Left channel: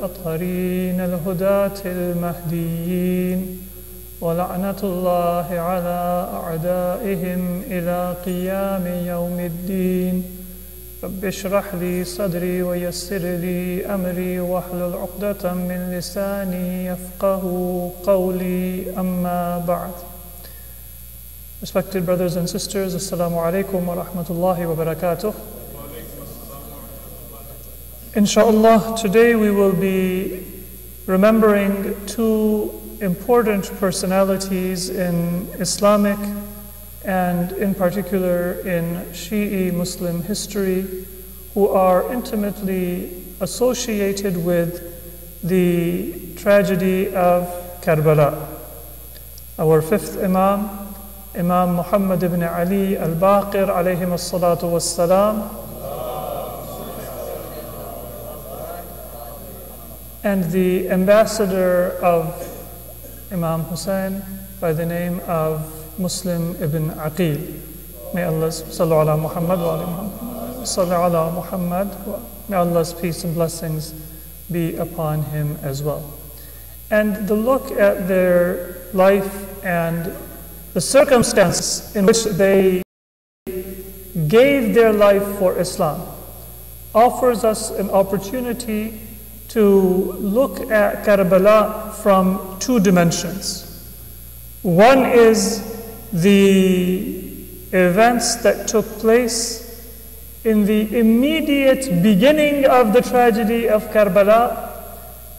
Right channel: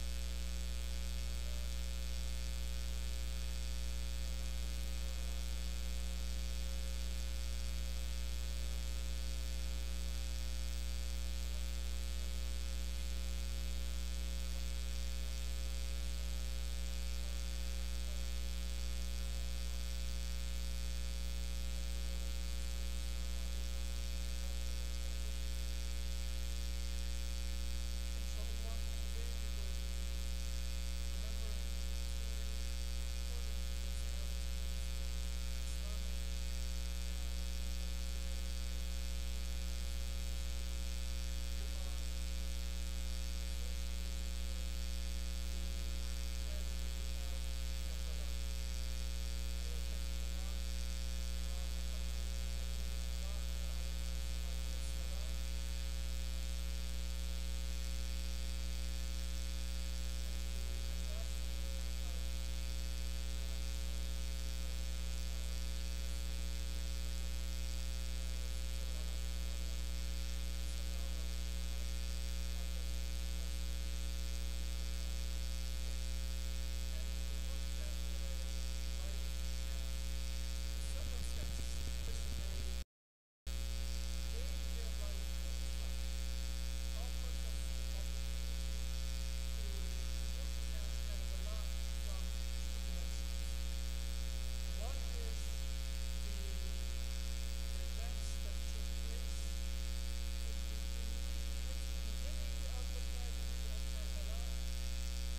الأطهرين الهداة المهديين ولعنة الله على أعدائهم إلى قيام يوم الدين. رب اشرح لي صدري ويسر لي أمري واحلل عقدة من لساني يفقه قولي أما بعد. Respected brothers and sisters, Assalamu alaikum wa rahmatullahi wa barakatuh. Inshallah, today we will be remembering two important personalities in Islamic and in particular in Shi'i Muslim history who are intimately associated with the tragedy of Karbala. Our fifth Imam, Imam Muhammad ibn Ali al-Baqir alayhim as-salatu was-salam, and the ambassador of Imam Hussein by the name of Muslim ibn Aqeel. May Allah's sallu ala Muhammad wa sallu ala Muhammad. May Allah's peace and blessings be upon him as well. And the look at their life and the circumstances in which they gave their life for Islam offers us an opportunity to look at Karbala from two dimensions. One is the events that took place in the immediate beginning of the tragedy of Karbala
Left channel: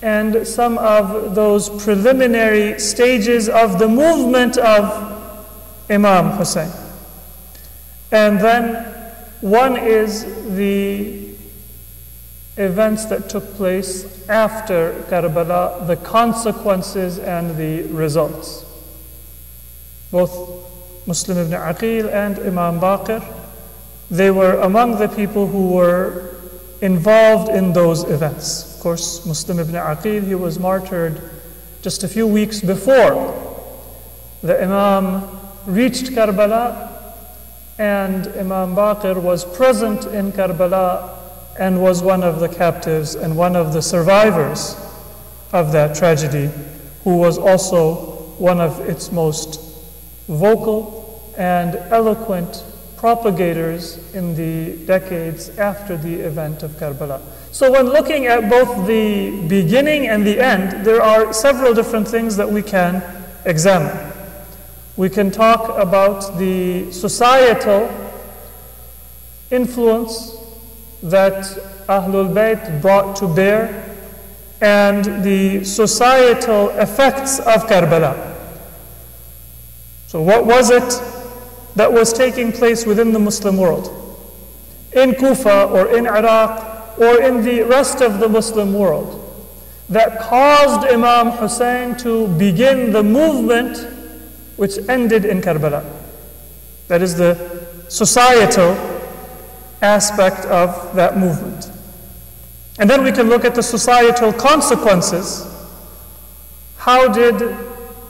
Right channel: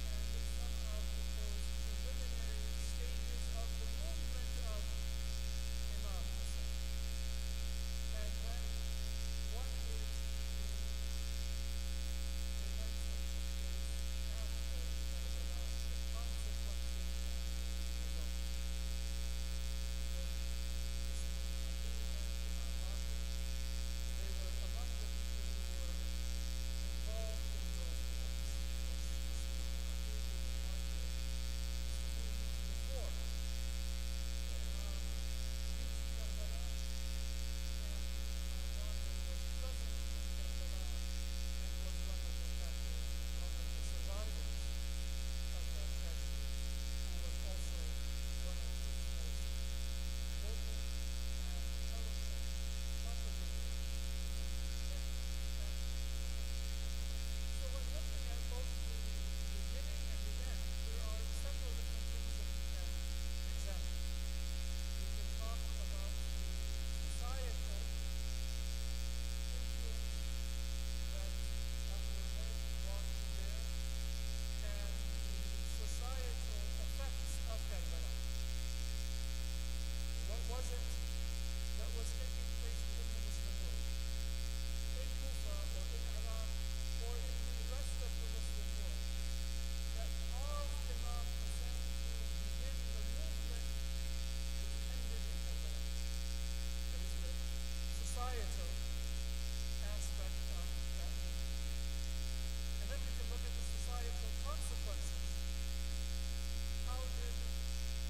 and some of those preliminary stages of the movement of Imam Hussein. And then one is the events that took place after Karbala, the consequences and the results. Both Muslim ibn Aqeel and Imam Baqir, they were among the people who were involved in those events. Of course, Muslim ibn Aqeel, he was martyred just a few weeks before the Imam reached Karbala, and Imam Baqir was present in Karbala and was one of the captives and one of the survivors of that tragedy, who was also one of its most vocal and eloquent propagators in the decades after the event of Karbala. So when looking at both the beginning and the end, there are several different things that we can examine. We can talk about the societal influence that Ahlul Bayt brought to bear and the societal effects of Karbala. So what was it that was taking place within the Muslim world? In Kufa or in Iraq or in the rest of the Muslim world that caused Imam Hussein to begin the movement which ended in Karbala? That is the societal aspect of that movement. And then we can look at the societal consequences. How did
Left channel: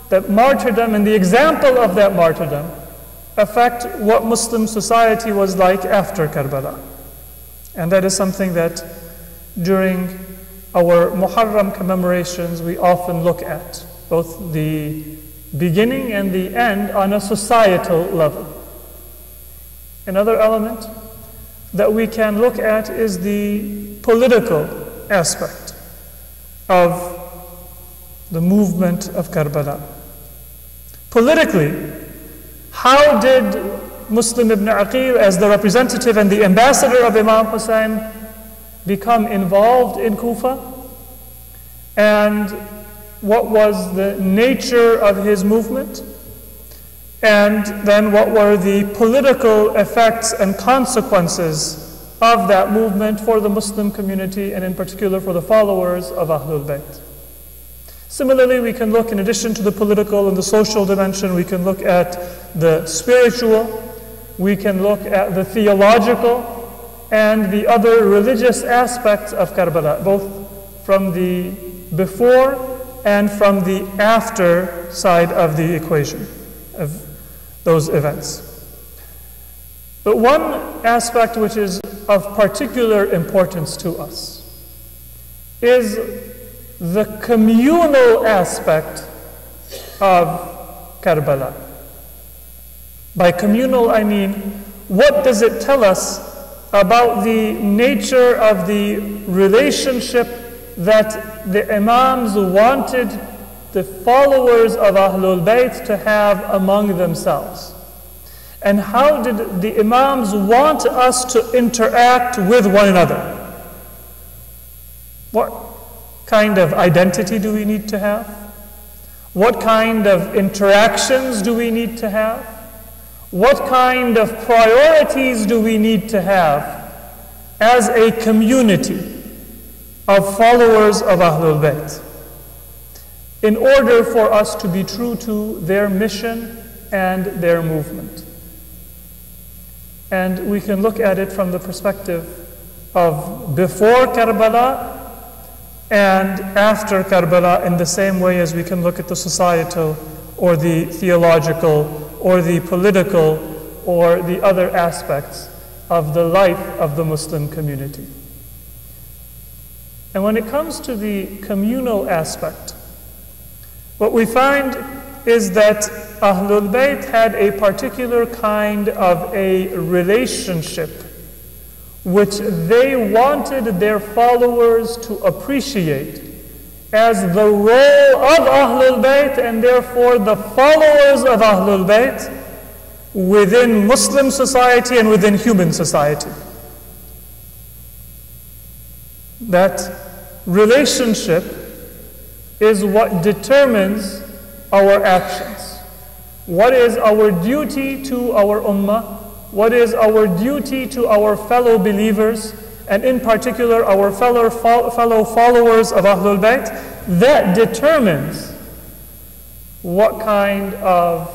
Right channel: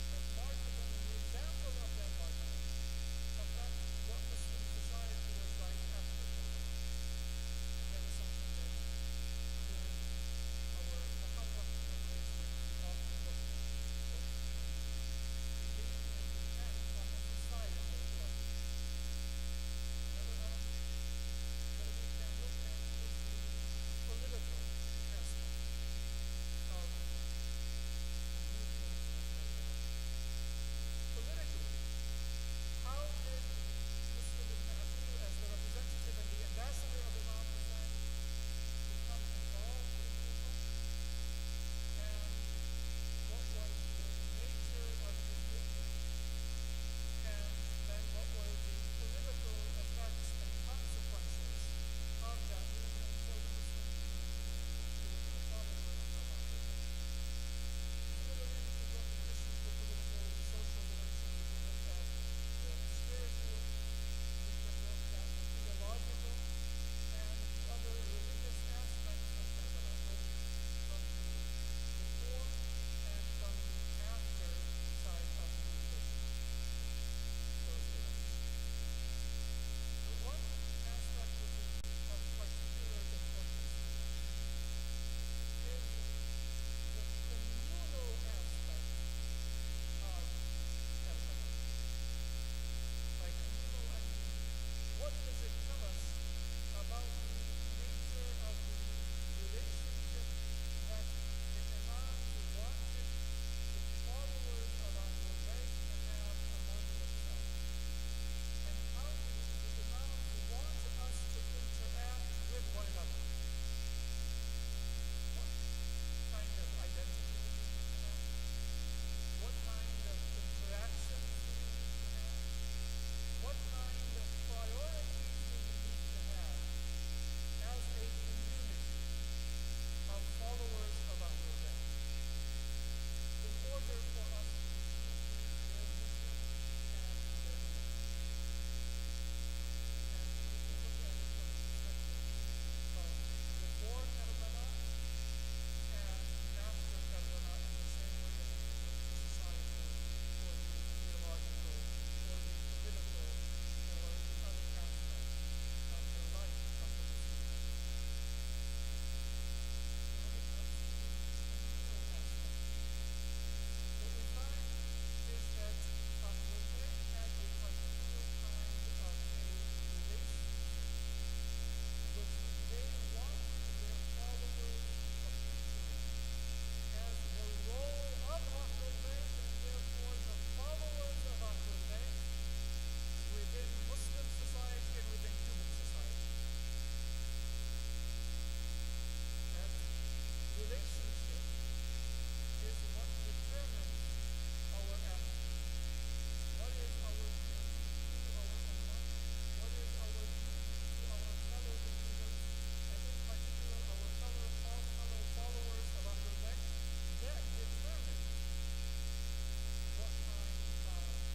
that martyrdom and the example of that martyrdom affect what Muslim society was like after Karbala? And that is something that during our Muharram commemorations we often look at, both the beginning and the end on a societal level. Another element that we can look at is the political aspect of the movement of Karbala. Politically, how did Muslim ibn Aqeel, as the representative and the ambassador of Imam Hussein, become involved in Kufa? And what was the nature of his movement? And then what were the political effects and consequences of that movement for the Muslim community and in particular for the followers of Ahlul Bayt? Similarly, we can look, in addition to the political and the social dimension, we can look at the spiritual, we can look at the theological and the other religious aspects of Karbala, both from the before and from the after side of the equation of those events. But one aspect which is of particular importance to us is the communal aspect of Karbala. By communal, I mean, what does it tell us about the nature of the relationship that the Imams wanted the followers of Ahlul Bayt to have among themselves? And how did the Imams want us to interact with one another? What kind of identity do we need to have? What kind of interactions do we need to have? What kind of priorities do we need to have as a community of followers of Ahlul Bayt in order for us to be true to their mission and their movement? And we can look at it from the perspective of before Karbala and after Karbala, in the same way as we can look at the societal or the theological or the political or the other aspects of the life of the Muslim community. And when it comes to the communal aspect, what we find is that Ahlul Bayt had a particular kind of a relationship which they wanted their followers to appreciate as the role of Ahlul Bayt and therefore the followers of Ahlul Bayt within Muslim society and within human society. That relationship is what determines our actions. What is our duty to our ummah? What is our duty to our fellow believers, and in particular our fellow followers of Ahlul Bayt? That determines what kind of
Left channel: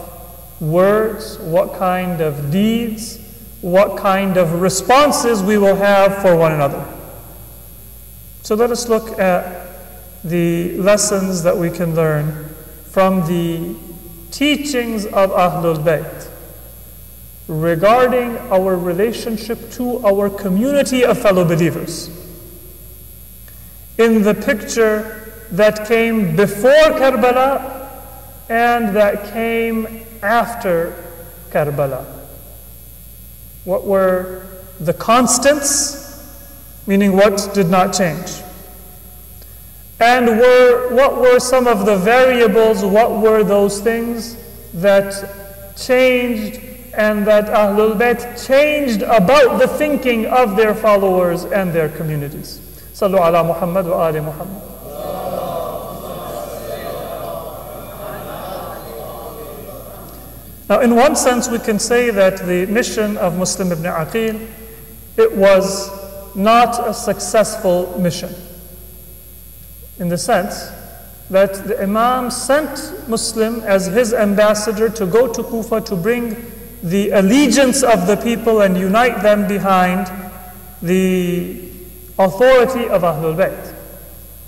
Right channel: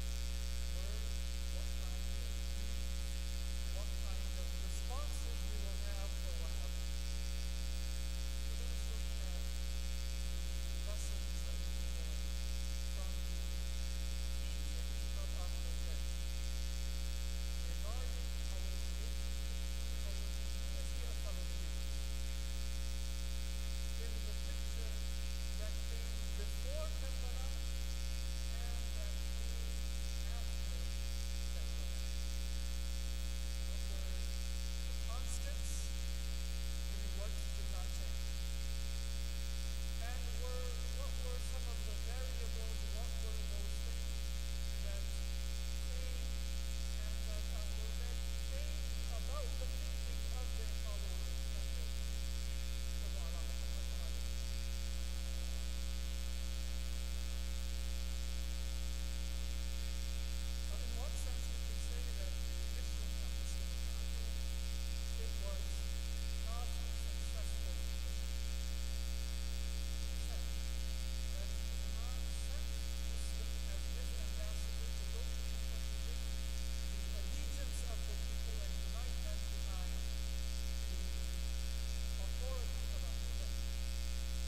words, what kind of deeds, what kind of responses we will have for one another. So let us look at the lessons that we can learn from the teachings of Ahlul Bayt regarding our relationship to our community of fellow believers. In the picture that came before Karbala and that came after Karbala. What were the constants, meaning what did not change? And what were some of the variables, what were those things that changed and that Ahlul Bayt changed about the thinking of their followers and their communities? Sallu ala Muhammad wa ali Muhammad. Now, in one sense, we can say that the mission of Muslim ibn Aqeel, it was not a successful mission, in the sense that the Imam sent Muslim as his ambassador to go to Kufa to bring the allegiance of the people and unite them behind the authority of Ahlul Bayt.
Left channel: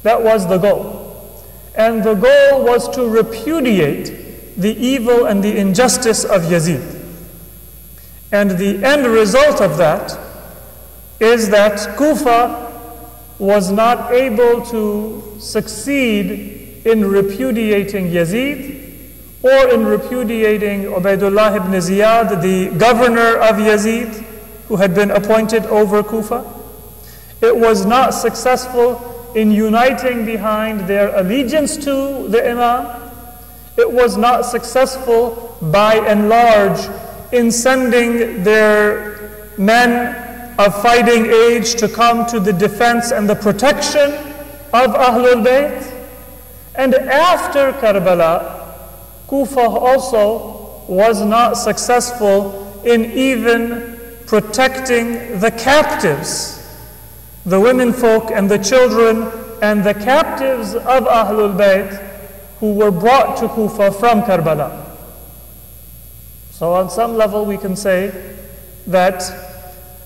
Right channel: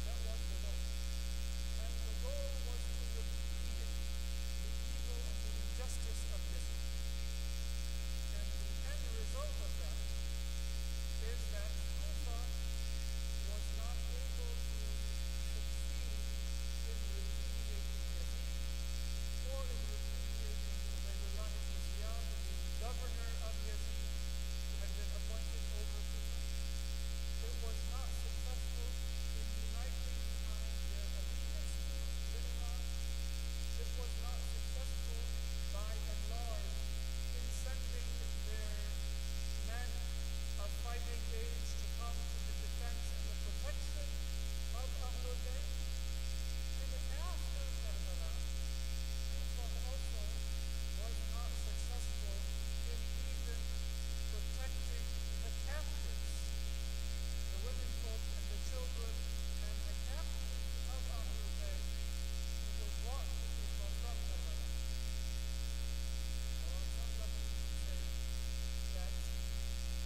That was the goal. And the goal was to repudiate the evil and the injustice of Yazid. And the end result of that is that Kufa was not able to succeed in repudiating Yazid or in repudiating Ubaidullah ibn Ziyad, the governor of Yazid, who had been appointed over Kufa. It was not successful in uniting behind their allegiance to the Imam. It was not successful by and large in sending their men of fighting age to come to the defense and the protection of Ahlul Bayt. And after Karbala, Kufa also was not successful in even protecting the captives, the women folk and the children and the captives of Ahlul Bayt who were brought to Kufa from Karbala. So on some level we can say that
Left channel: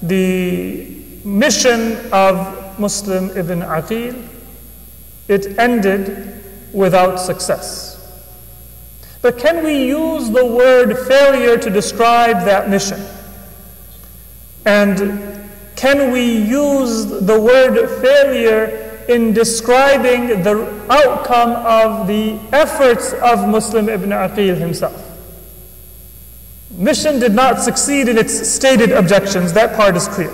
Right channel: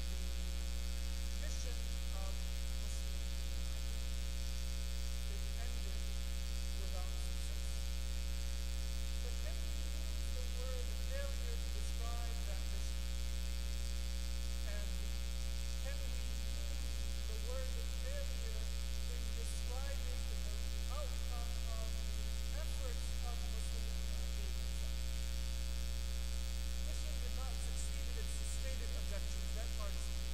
the mission of Muslim ibn Aqeel, it ended without success. But can we use the word failure to describe that mission? And can we use the word failure in describing the outcome of the efforts of Muslim ibn Aqeel himself. Mission did not succeed in its stated objections, that part is clear.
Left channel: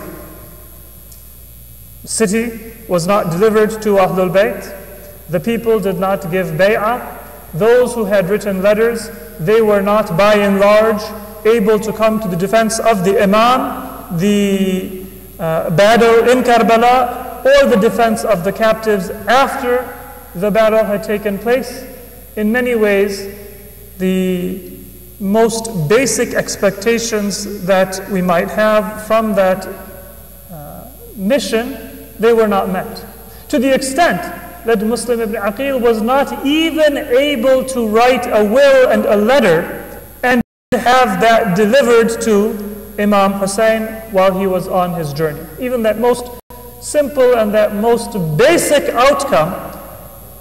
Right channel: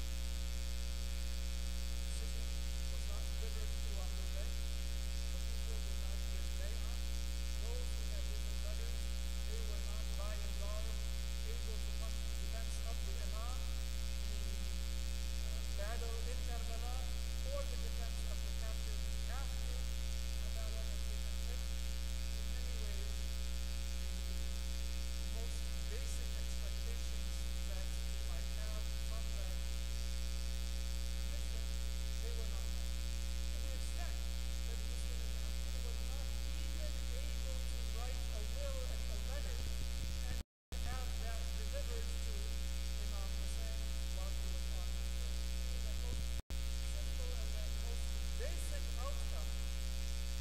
The city was not delivered to Ahlul Bayt. The people did not give bay'ah. Those who had written letters, they were not by and large able to come to the defense of the Imam, the battle in Karbala, or the defense of the captives after the battle had taken place. In many ways, the most basic expectations that we might have from that mission, they were not met. To the extent that Muslim ibn Aqeel was not even able to write a will and a letter and have that delivered to Imam Hussein while he was on his journey. Even that most simple and that most basic outcome,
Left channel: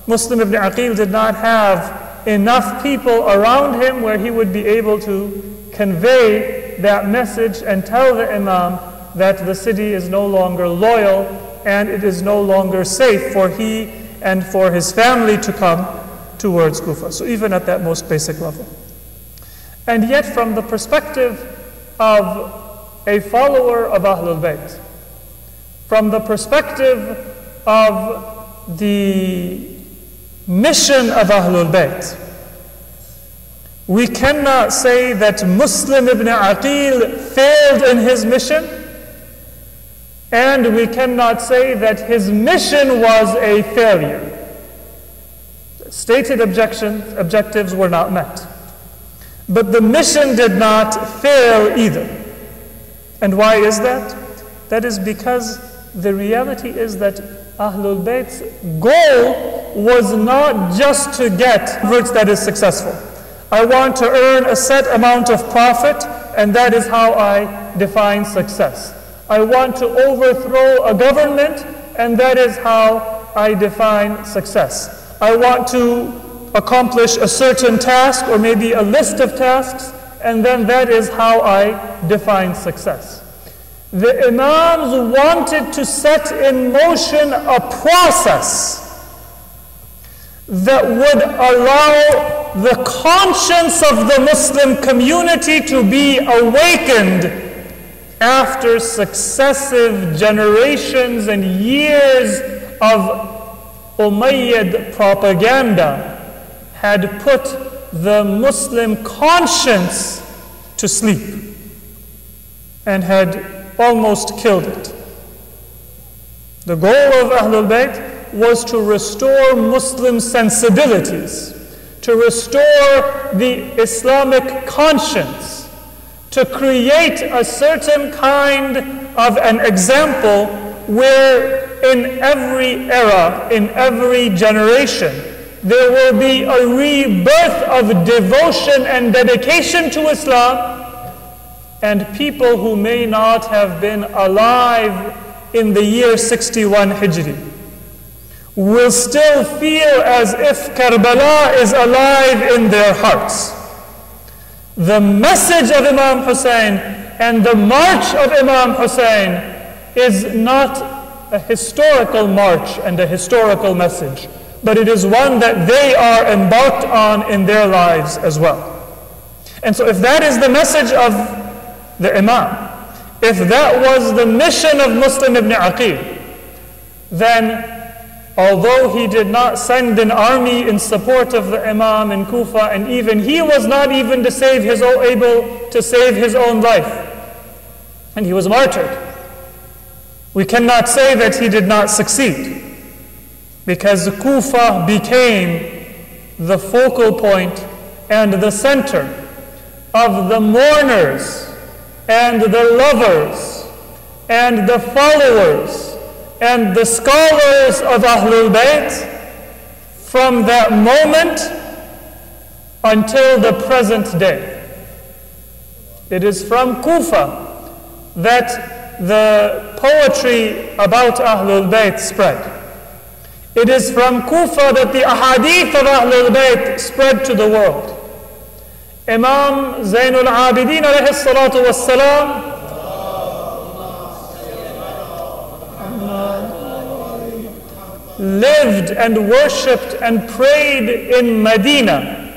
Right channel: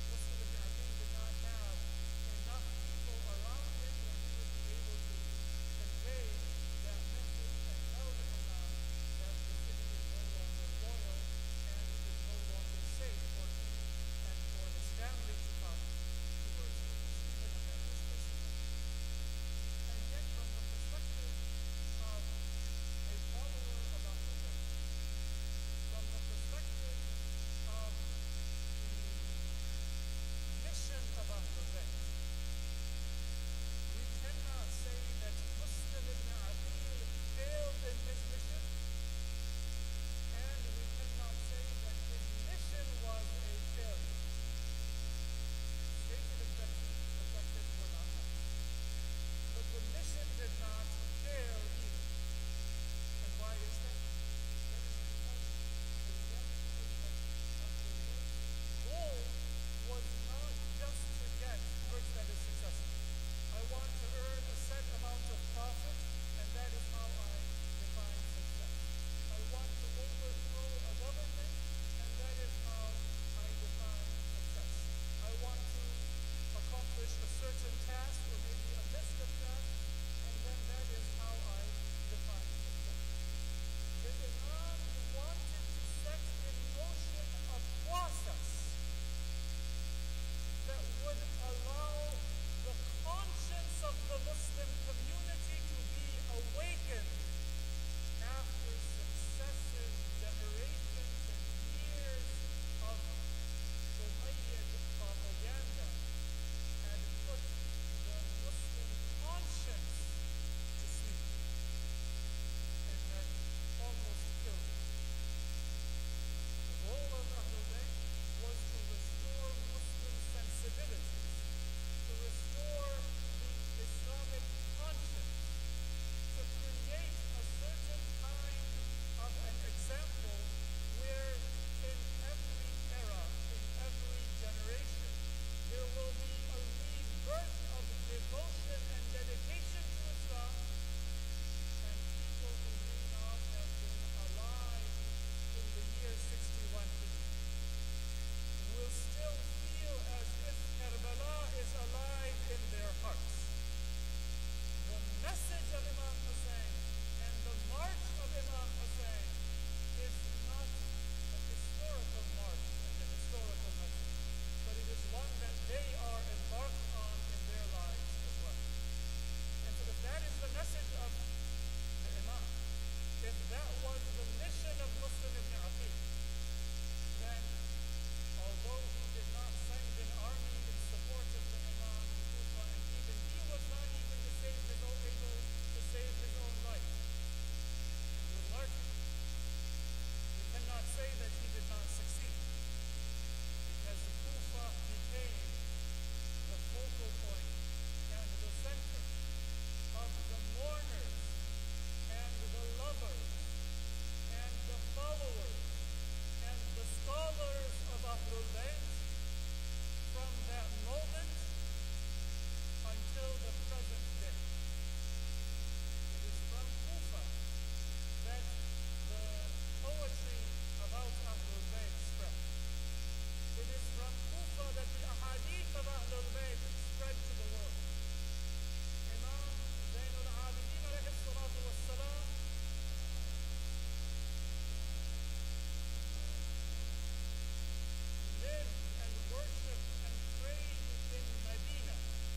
Muslim ibn Aqeel did not have enough people around him where he would be able to convey that message and tell the Imam that the city is no longer loyal and it is no longer safe for he and for his family to come towards Kufa. So even at that most basic level. And yet from the perspective of a follower of Ahlul Bayt, from the perspective of the mission of Ahlul Bayt, we cannot say that Muslim ibn Aqeel failed in his mission, and we cannot say that his mission was a failure. Stated objectives were not met. But the mission did not fail either. And why is that? That is because the reality is that Ahlul Bayt's goal was not just to get converts that is successful. I want to earn a set amount of profit, and that is how I define success. I want to overthrow a government, and that is how I define success. I want to accomplish a certain task or maybe a list of tasks, and then that is how I define success. The Imams wanted to set in motion a process that would allow the conscience of the Muslim community to be awakened after successive generations and years of Umayyad propaganda had put the Muslim conscience to sleep and had almost killed it. The goal of Ahlul Bayt was to restore Muslim sensibilities, to restore the Islamic conscience, to create a certain kind of an example where in every era, in every generation, there will be a rebirth of devotion and dedication to Islam, and people who may not have been alive in the year 61 Hijri will still feel as if Karbala is alive in their hearts. The message of Imam Hussein and the march of Imam Hussein is not a historical march and a historical message, but it is one that they are embarked on in their lives as well. And so if that is the message of the Imam, if that was the mission of Muslim ibn Aqeel, then although he did not send an army in support of the Imam in Kufa, and even he was not even able to save his own life, and he was martyred, we cannot say that he did not succeed, because Kufa became the focal point and the center of the mourners and the lovers and the followers and the scholars of Ahlul Bayt from that moment until the present day. It is from Kufa that the poetry about Ahlul Bayt spread. It is from Kufa that the ahadith of Ahlul Bayt spread to the world. Imam Zainul Abidin alayhi salatu wassalam, lived and worshipped and prayed in Medina,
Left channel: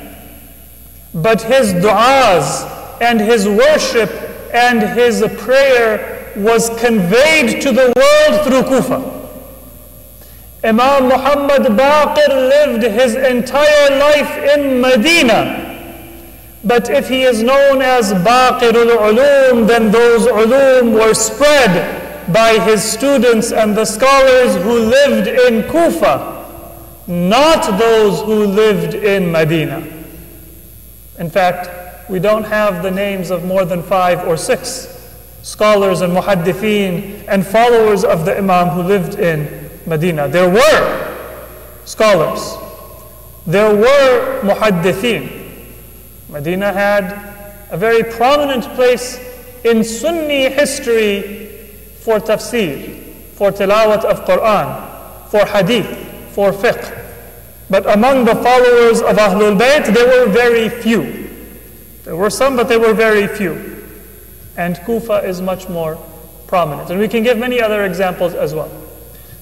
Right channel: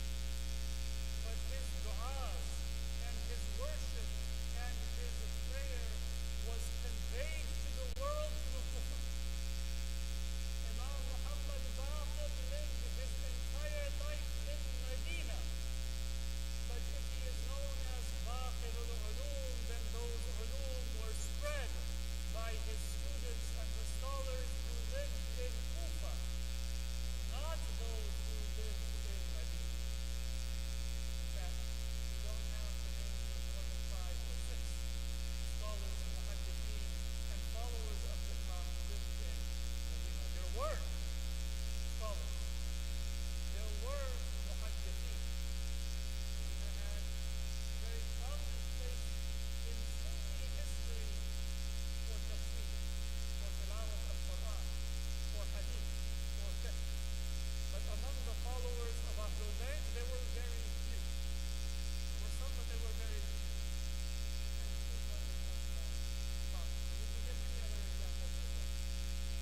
but his du'as and his worship and his prayer was conveyed to the world through Kufa. Imam Muhammad Baqir lived his entire life in Medina, but if he is known as Baqirul Ulum, then those ulum were spread by his students and the scholars who lived in Kufa, not those who lived in Medina. In fact, we don't have the names of more than 5 or 6 scholars and muhaddithin and followers of the Imam who lived in Medina. There were scholars, there were muhaddithin. Medina had a very prominent place in Sunni history for tafsir, for tilawat of Quran, for hadith, for fiqh. But among the followers of Ahlul Bayt, there were very few. There were some, but there were very few. And Kufa is much more prominent. And we can give many other examples as well.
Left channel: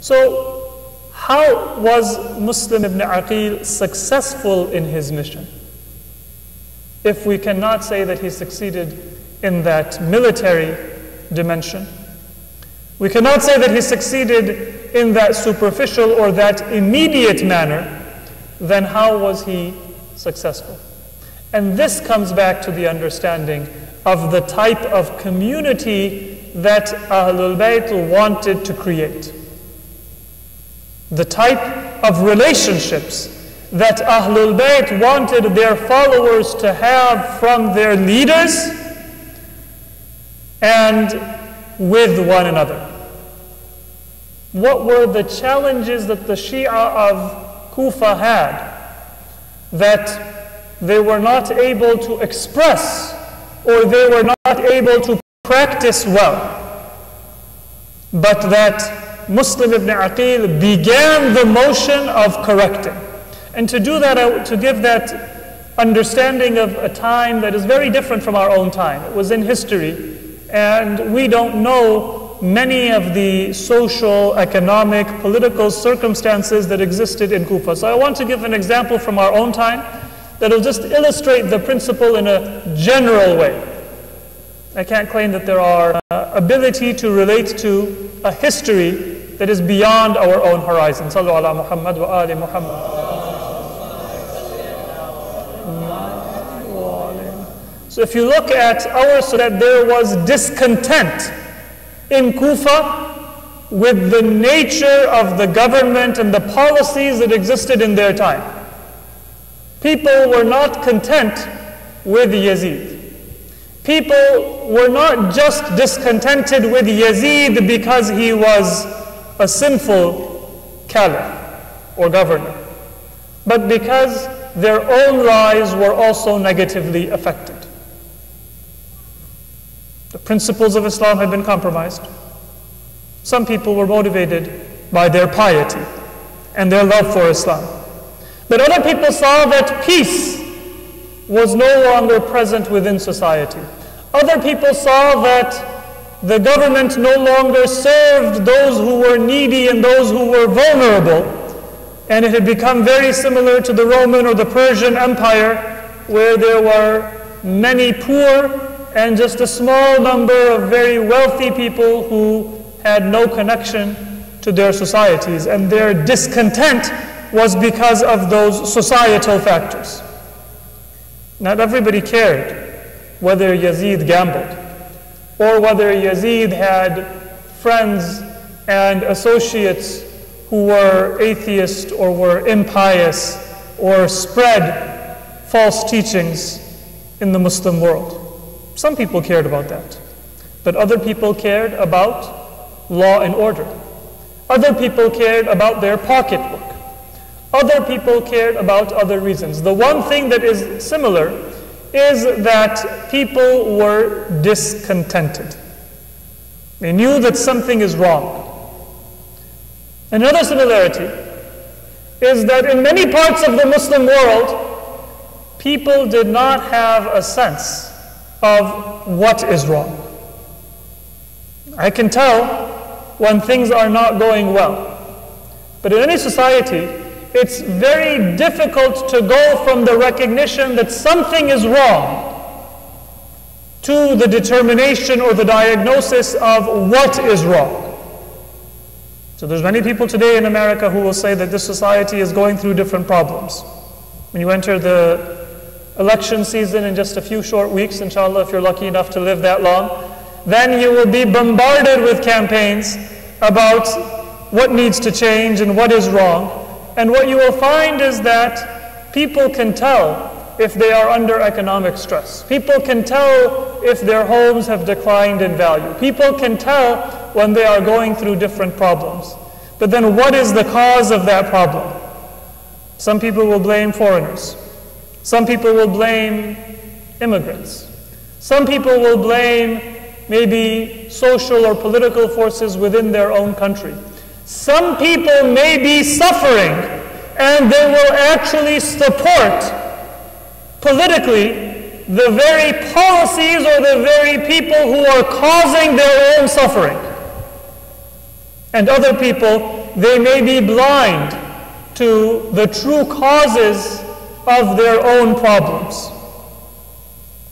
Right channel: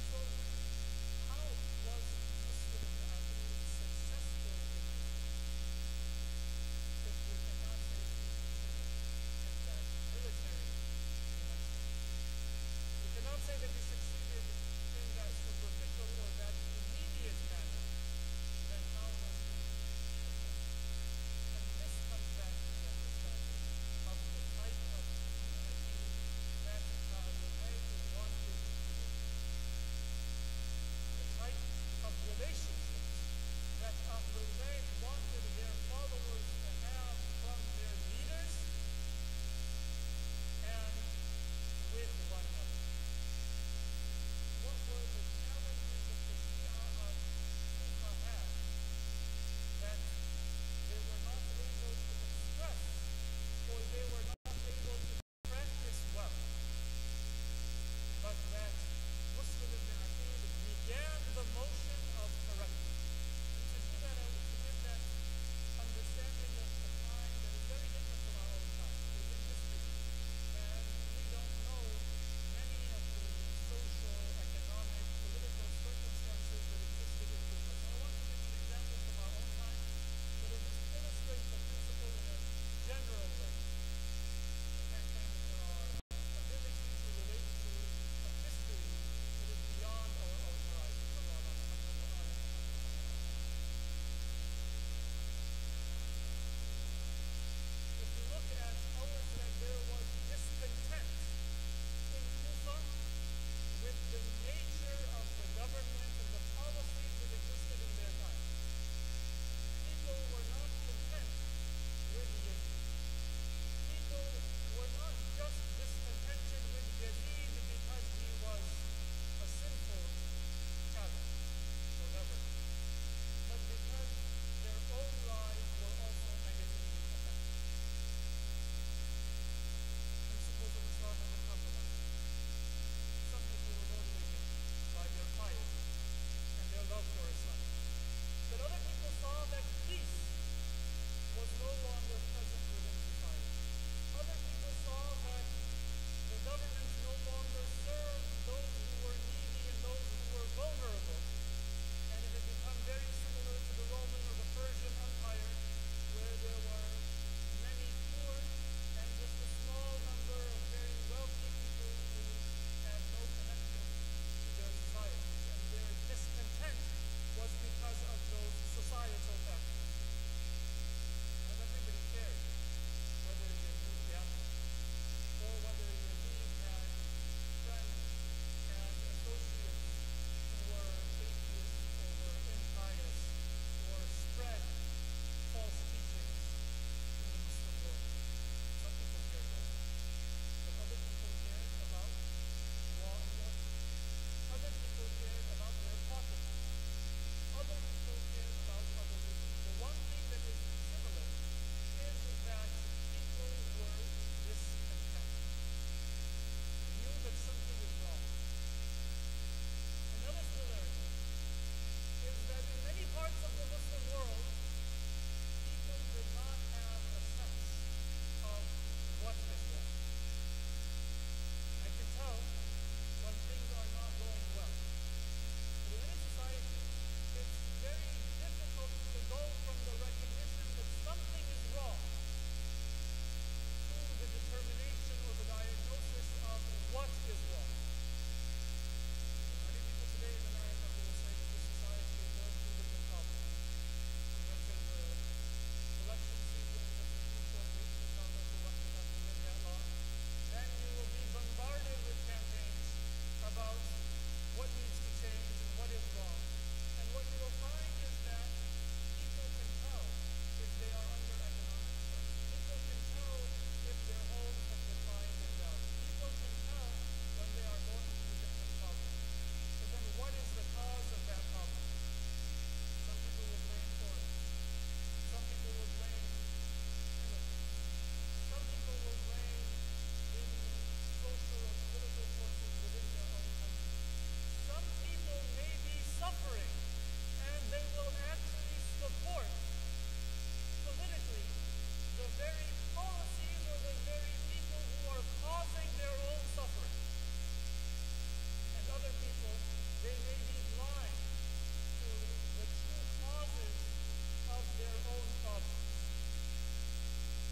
So, how was Muslim ibn Aqeel successful in his mission? If we cannot say that he succeeded in that military dimension, we cannot say that he succeeded in that superficial or that immediate manner, then how was he successful? And this comes back to the understanding of the type of community that Ahlul Bayt wanted to create. The type of relationships that Ahlul Bayt wanted their followers to have from their leaders and with one another. What were the challenges that the Shia of Kufa had that they were not able to express or they were not able to practice well, but that Muslim ibn Aqeel began the motion of correcting? And to do that, to give that understanding of a time that is very different from our own time. It was in history, and we don't know many of the social, economic, political circumstances that existed in Kufa. So I want to give an example from our own time that will just illustrate the principle in a general way. I can't claim that there are ability to relate to a history that is beyond our own horizon. Sallu ala Muhammad wa ali Muhammad. So if you look at our Surat, there was discontent in Kufa with the nature of the government and the policies that existed in their time. People were not content with Yazid. People were not just discontented with Yazid because he was a sinful caliph or governor, but because their own lives were also negatively affected. The principles of Islam had been compromised. Some people were motivated by their piety and their love for Islam. But other people saw that peace was no longer present within society. Other people saw that the government no longer served those who were needy and those who were vulnerable. And it had become very similar to the Roman or the Persian Empire, where there were many poor and just a small number of very wealthy people who had no connection to their societies, and their discontent was because of those societal factors. Not everybody cared whether Yazid gambled, or whether Yazid had friends and associates who were atheist or were impious or spread false teachings in the Muslim world. Some people cared about that, but other people cared about law and order. Other people cared about their pocketbook. Other people cared about other reasons. The one thing that is similar is that people were discontented. They knew that something is wrong. Another similarity is that in many parts of the Muslim world, people did not have a sense of what is wrong. I can tell when things are not going well. But in any society, it's very difficult to go from the recognition that something is wrong to the determination or the diagnosis of what is wrong. So there's many people today in America who will say that this society is going through different problems. When you enter the election season in just a few short weeks, inshallah, if you're lucky enough to live that long, then you will be bombarded with campaigns about what needs to change and what is wrong. And what you will find is that people can tell if they are under economic stress. People can tell if their homes have declined in value. People can tell when they are going through different problems. But then what is the cause of that problem? Some people will blame foreigners. Some people will blame immigrants. Some people will blame maybe social or political forces within their own country. Some people may be suffering and they will actually support politically the very policies or the very people who are causing their own suffering. And other people, they may be blind to the true causes of their own problems.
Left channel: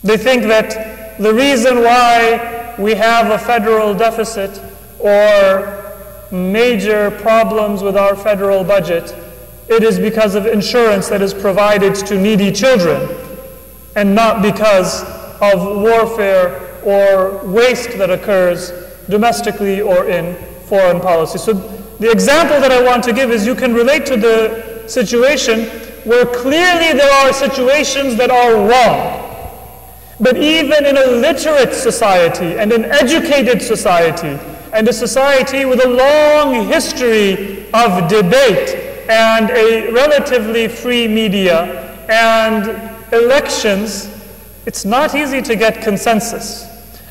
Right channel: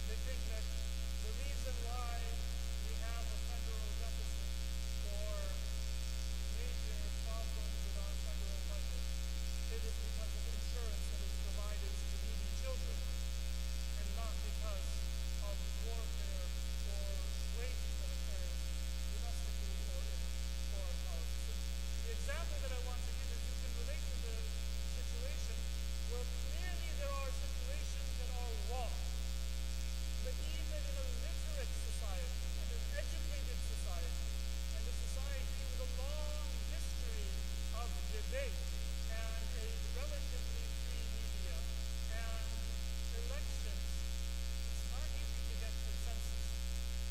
They think that the reason why we have a federal deficit or major problems with our federal budget, it is because of insurance that is provided to needy children, and not because of warfare or waste that occurs domestically or in foreign policy. So the example that I want to give is you can relate to the situation where clearly there are situations that are wrong. But even in a literate society and an educated society and a society with a long history of debate and a relatively free media and elections, it's not easy to get consensus.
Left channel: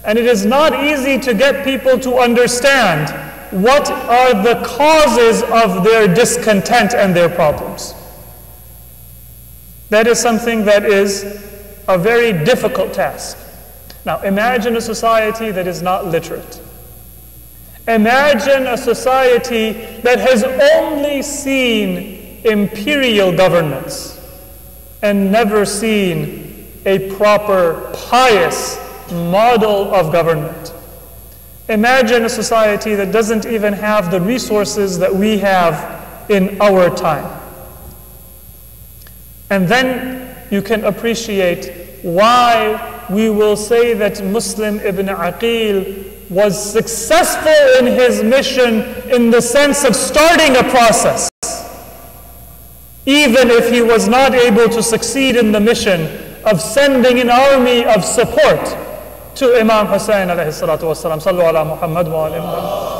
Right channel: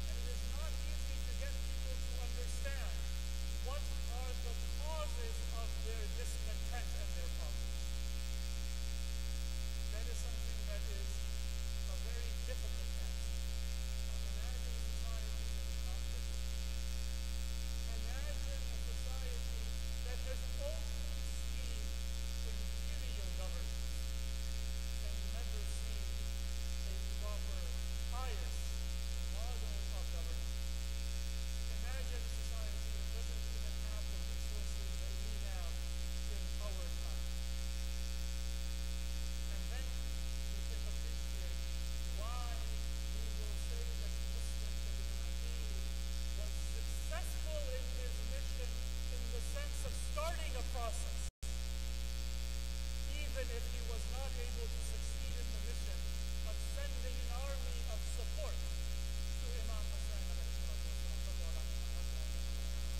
And it is not easy to get people to understand what are the causes of their discontent and their problems. That is something that is a very difficult task. Now, imagine a society that is not literate. Imagine a society that has only seen imperial governments and never seen a proper, pious model of government. Imagine a society that doesn't even have the resources that we have in our time. And then you can appreciate why we will say that Muslim ibn Aqeel was successful in his mission in the sense of starting a process, even if he was not able to succeed in the mission of sending an army of support to Imam Hussein alayhi salatu wasalam. Sallu ala Muhammad wa ala Muhammad.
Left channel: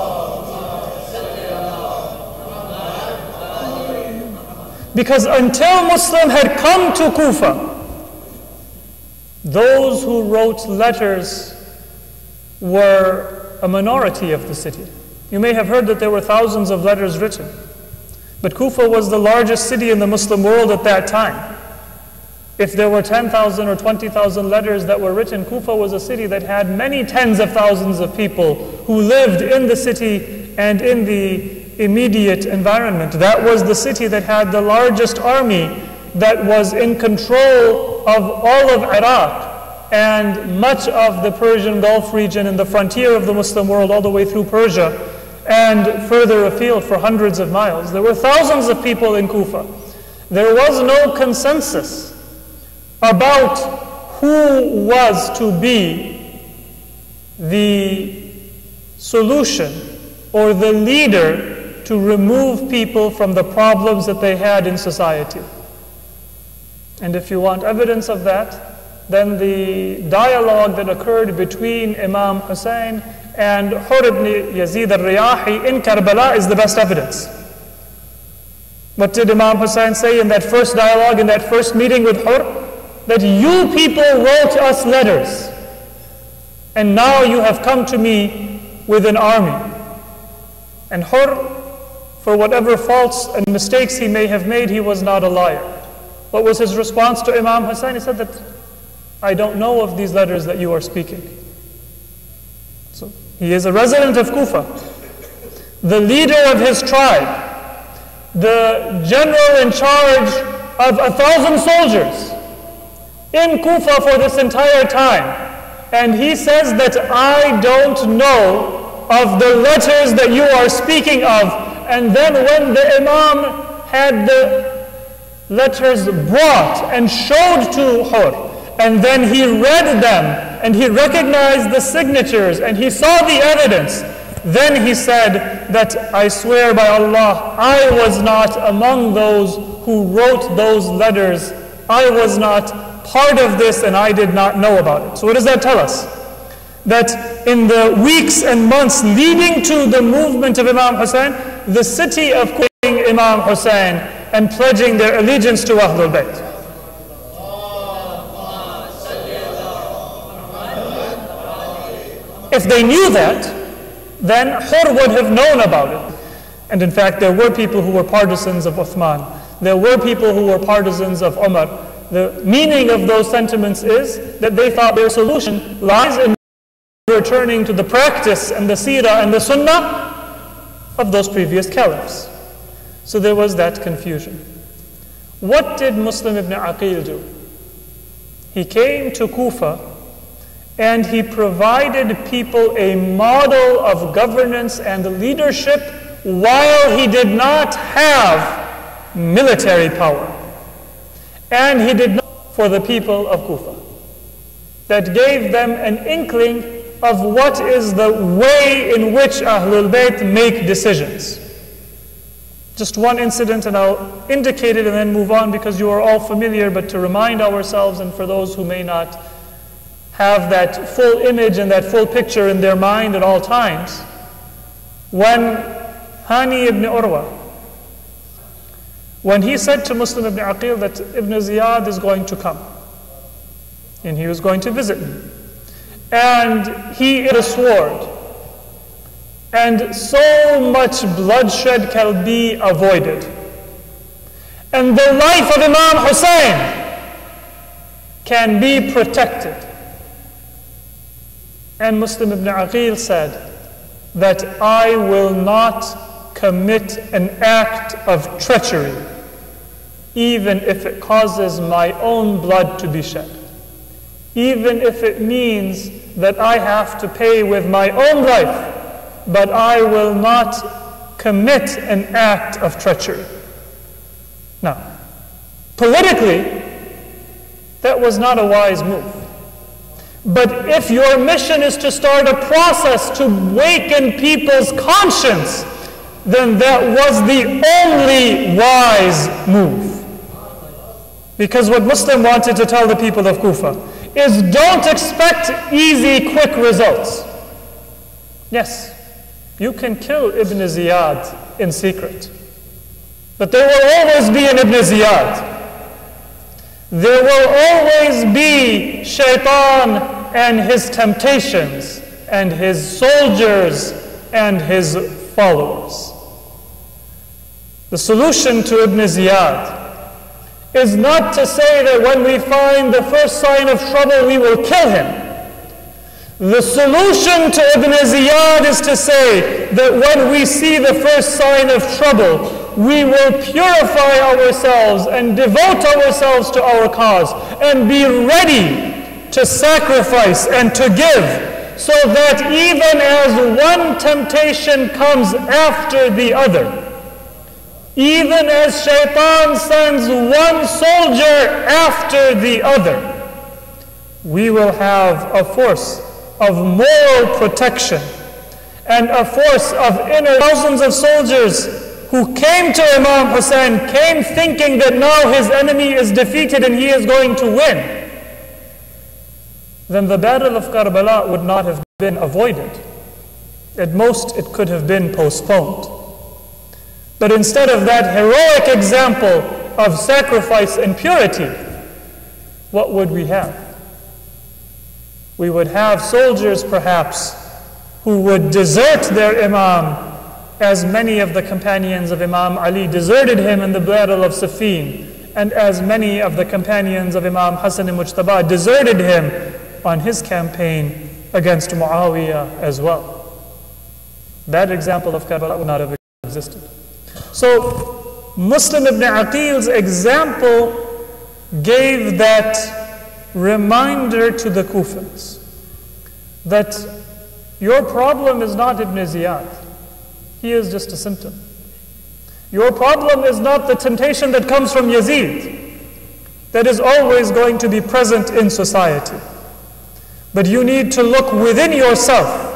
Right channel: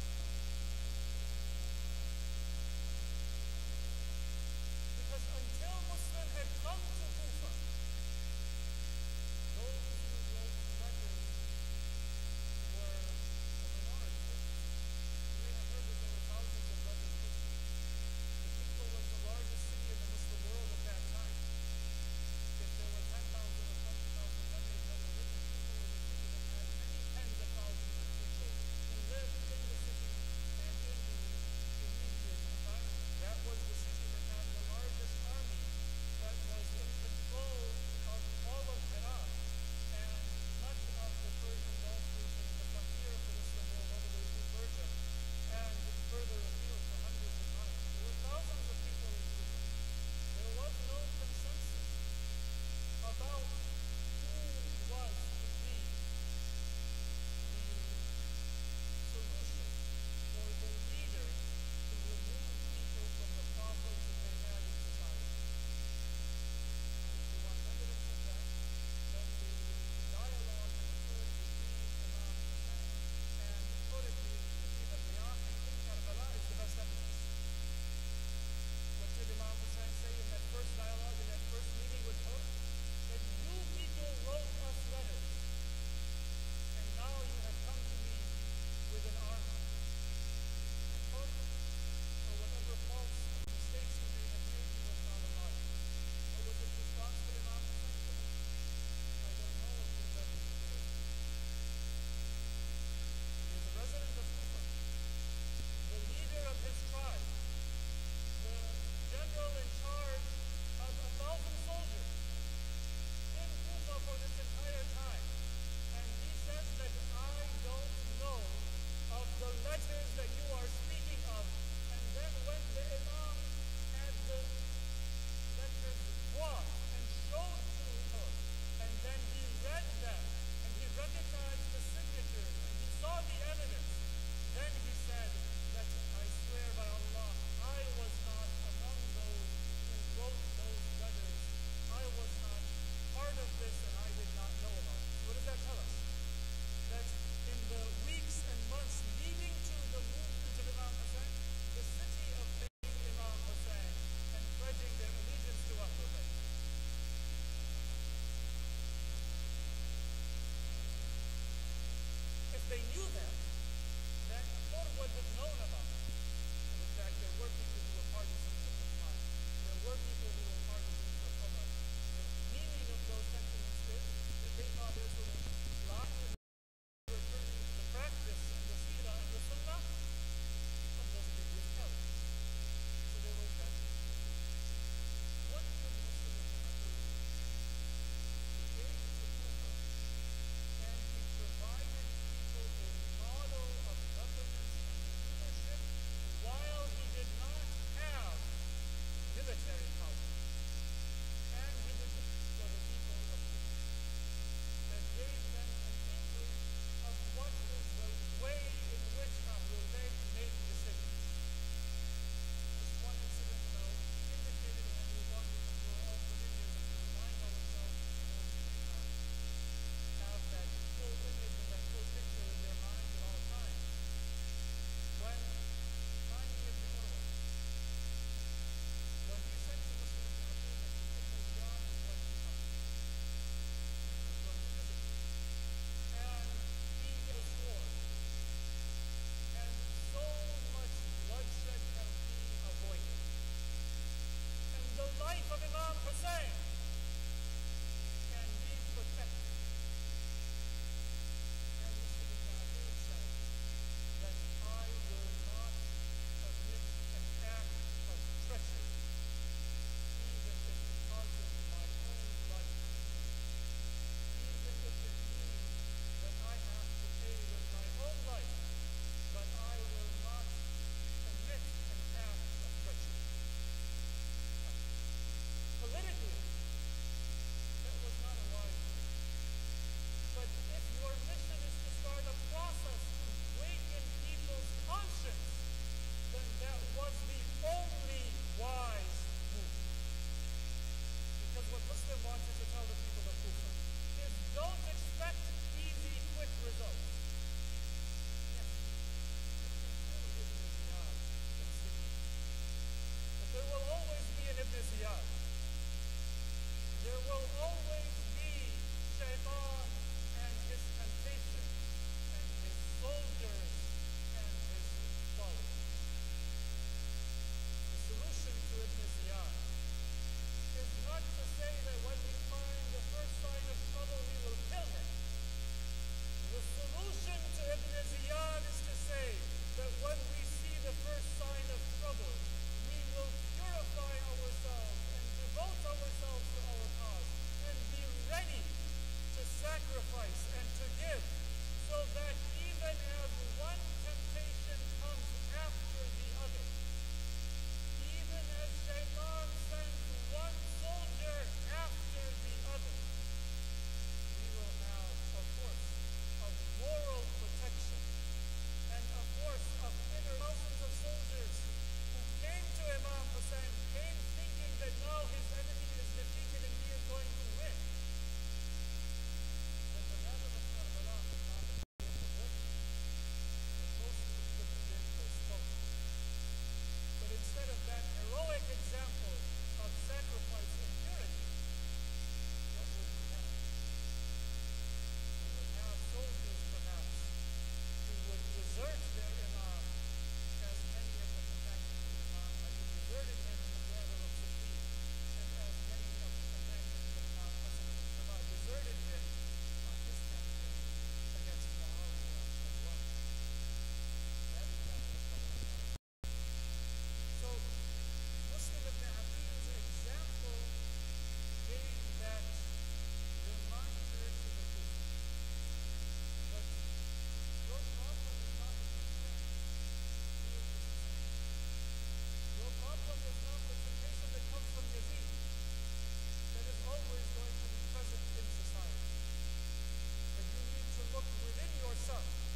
Because until Muslim had come to Kufa, those who wrote letters were a minority of the city. You may have heard that there were thousands of letters written. But Kufa was the largest city in the Muslim world at that time. If there were 10,000 or 20,000 letters that were written, Kufa was a city that had many tens of thousands of people who lived in the city and in the immediate environment. That was the city that had the largest army that was in control of all of Iraq and much of the Persian Gulf region and the frontier of the Muslim world all the way through Persia and further afield for hundreds of miles. There were thousands of people in Kufa. There was no consensus about who was to be the solution or the leader to remove people from the problems that they had in society. And if you want evidence of that, then the dialogue that occurred between Imam Hussein and Hur ibn Yazid al-Riyahi in Karbala is the best evidence. What did Imam Hussein say in that first dialogue, in that first meeting with Hur? That you people wrote us letters, and now you have come to me with an army. And Hur, for whatever faults and mistakes he may have made, he was not a liar. What was his response to Imam Hussein? He said that, I don't know of these letters that you are speaking. So he is a resident of Kufa, the leader of his tribe, the general in charge of 1,000 soldiers in Kufa for this entire time. And he says that I don't know of the letters that you are speaking of. And then when the Imam had the letters brought and showed to Hur, and then he read them, and he recognized the signatures, and he saw the evidence, then he said that I swear by Allah, I was not among those who wrote those letters. I was not part of this, and I did not know about it. So what does that tell us? That in the weeks and months leading to the movement of Imam Hussein, the city of quoting Imam Hussein and pledging their allegiance to Ahlul Bayt. If they knew that, then Hur would have known about it. And in fact, there were people who were partisans of Uthman. There were people who were partisans of Umar. The meaning of those sentiments is that they thought their solution lies in returning to the practice and the seerah and the sunnah of those previous caliphs. So there was that confusion. What did Muslim ibn Aqeel do? He came to Kufa and he provided people a model of governance and leadership while he did not have military power. And he did not for the people of Kufa. That gave them an inkling of what is the way in which Ahlul Bayt make decisions. Just one incident, and I'll indicate it and then move on because you are all familiar, but to remind ourselves and for those who may not have that full image and that full picture in their mind at all times, when Hani ibn Urwa, when he said to Muslim ibn Aqeel that Ibn Ziyad is going to come, and he was going to visit me, and he had a sword, and so much bloodshed can be avoided, and the life of Imam Hussein can be protected. And Muslim ibn Aqeel said that I will not commit an act of treachery, even if it causes my own blood to be shed. Even if it means that I have to pay with my own life, but I will not commit an act of treachery. Now, politically, that was not a wise move. But if your mission is to start a process to waken people's conscience, then that was the only wise move. Because what Muslim wanted to tell the people of Kufa is don't expect easy, quick results. Yes, you can kill Ibn Ziyad in secret, but there will always be an Ibn Ziyad. There will always be Shaitan and his temptations and his soldiers and his followers. The solution to Ibn Ziyad is not to say that when we find the first sign of trouble we will kill him. The solution to Ibn Ziyad is to say that when we see the first sign of trouble, we will purify ourselves and devote ourselves to our cause and be ready to sacrifice and to give, so that even as one temptation comes after the other, even as Shaitan sends one soldier after the other, we will have a force of moral protection and a force of inner thousands of soldiers who came to Imam Hussein, came thinking that now his enemy is defeated and he is going to win. Then the battle of Karbala would not have been avoided. At most, it could have been postponed. But instead of that heroic example of sacrifice and purity, what would we have? We would have soldiers, perhaps, who would desert their Imam, as many of the companions of Imam Ali deserted him in the battle of Siffin, and as many of the companions of Imam Hassan al-Mujtaba deserted him on his campaign against Muawiyah as well. That example of Karbala would not have existed. So, Muslim ibn Aqeel's example gave that reminder to the Kufans that your problem is not Ibn Ziyad. He is just a symptom. Your problem is not the temptation that comes from Yazid, that is always going to be present in society. But you need to look within yourself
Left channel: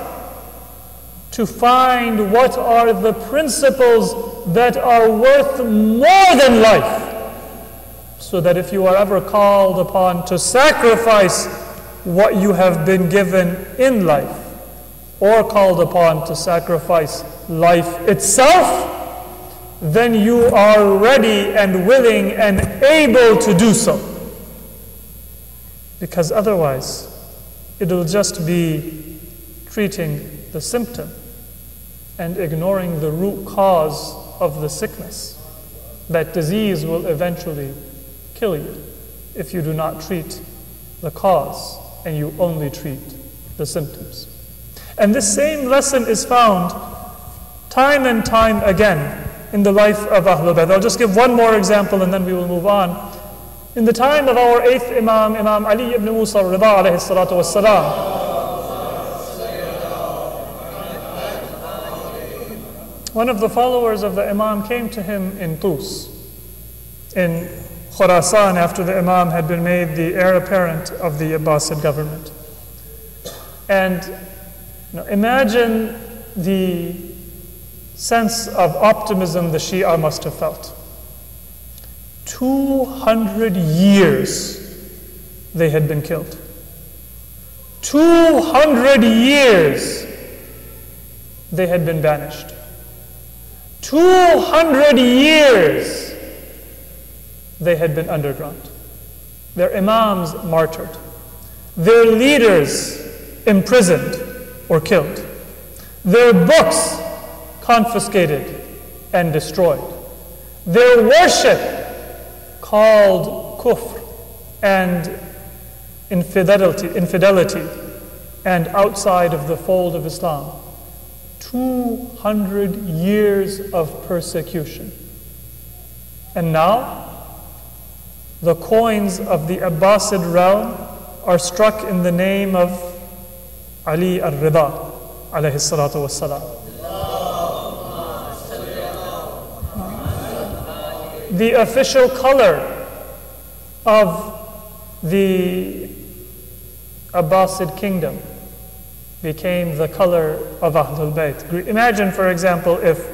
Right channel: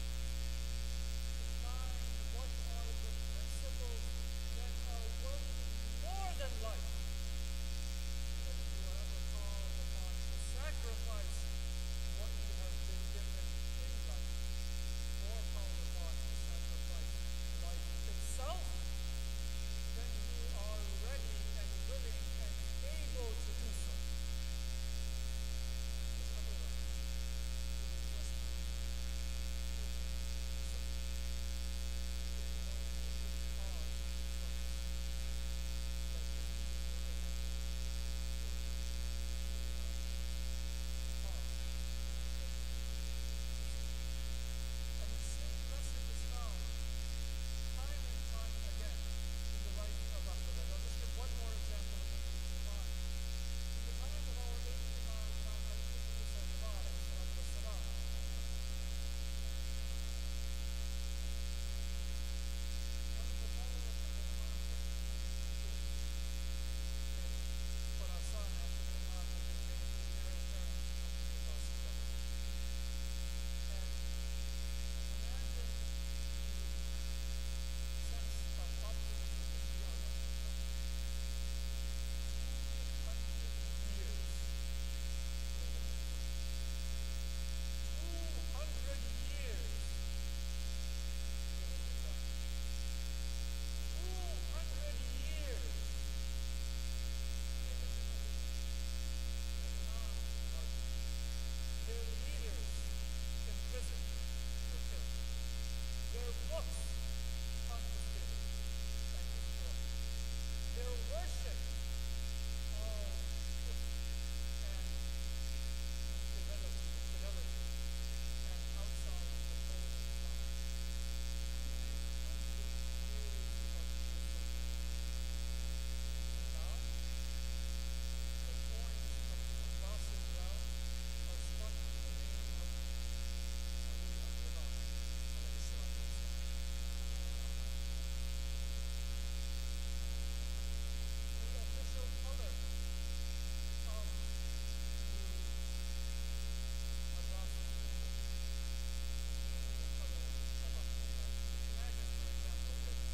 to find what are the principles that are worth more than life, so that if you are ever called upon to sacrifice what you have been given in life, or called upon to sacrifice life itself, then you are ready and willing and able to do so. Because otherwise, it'll just be treating the symptom and ignoring the root cause of the sickness. That disease will eventually kill you if you do not treat the cause and you only treat the symptoms. And this same lesson is found time and time again in the life of Ahlul Bayt. I'll just give one more example and then we will move on. In the time of our 8th Imam, Imam Ali ibn Musa al-Rida alayhi salatu wassalam, one of the followers of the Imam came to him in Tus, in Khurasan, after the Imam had been made the heir apparent of the Abbasid government. And imagine the sense of optimism the Shia must have felt. 200 years they had been killed. 200 years they had been banished. 200 years they had been underground. Their imams martyred. Their leaders imprisoned or killed. Their books confiscated and destroyed. Their worship called kufr and infidelity and outside of the fold of Islam. 200 years of persecution. And now, the coins of the Abbasid realm are struck in the name of Ali al-Rida, alayhi salatu wassalam. The official color of the Abbasid kingdom became the color of Ahlul Bayt. Imagine, for example, if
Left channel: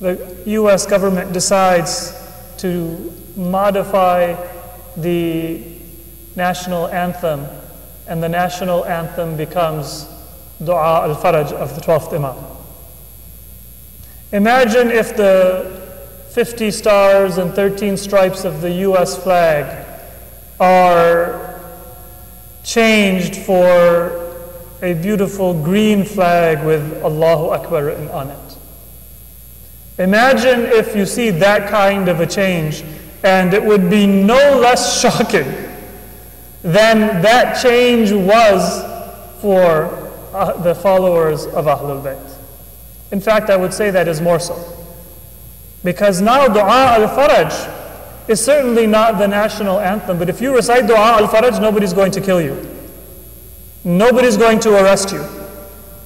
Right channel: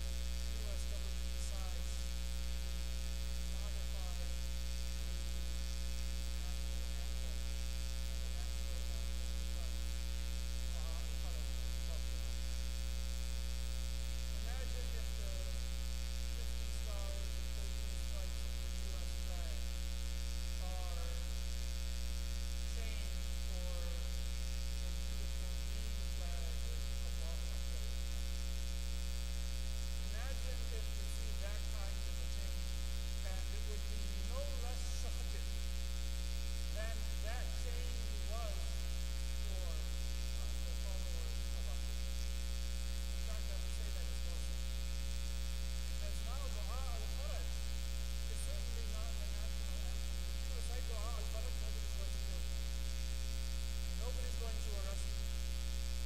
the US government decides to modify the national anthem, and the national anthem becomes Dua al-Faraj of the 12th Imam. Imagine if the 50 stars and 13 stripes of the US flag are changed for a beautiful green flag with Allahu Akbar written on it. Imagine if you see that kind of a change, and it would be no less shocking than that change was for the followers of Ahlul Bayt. In fact, I would say that is more so. Because now Dua al-Faraj is certainly not the national anthem, but if you recite Dua al-Faraj, nobody's going to kill you. Nobody's going to arrest you.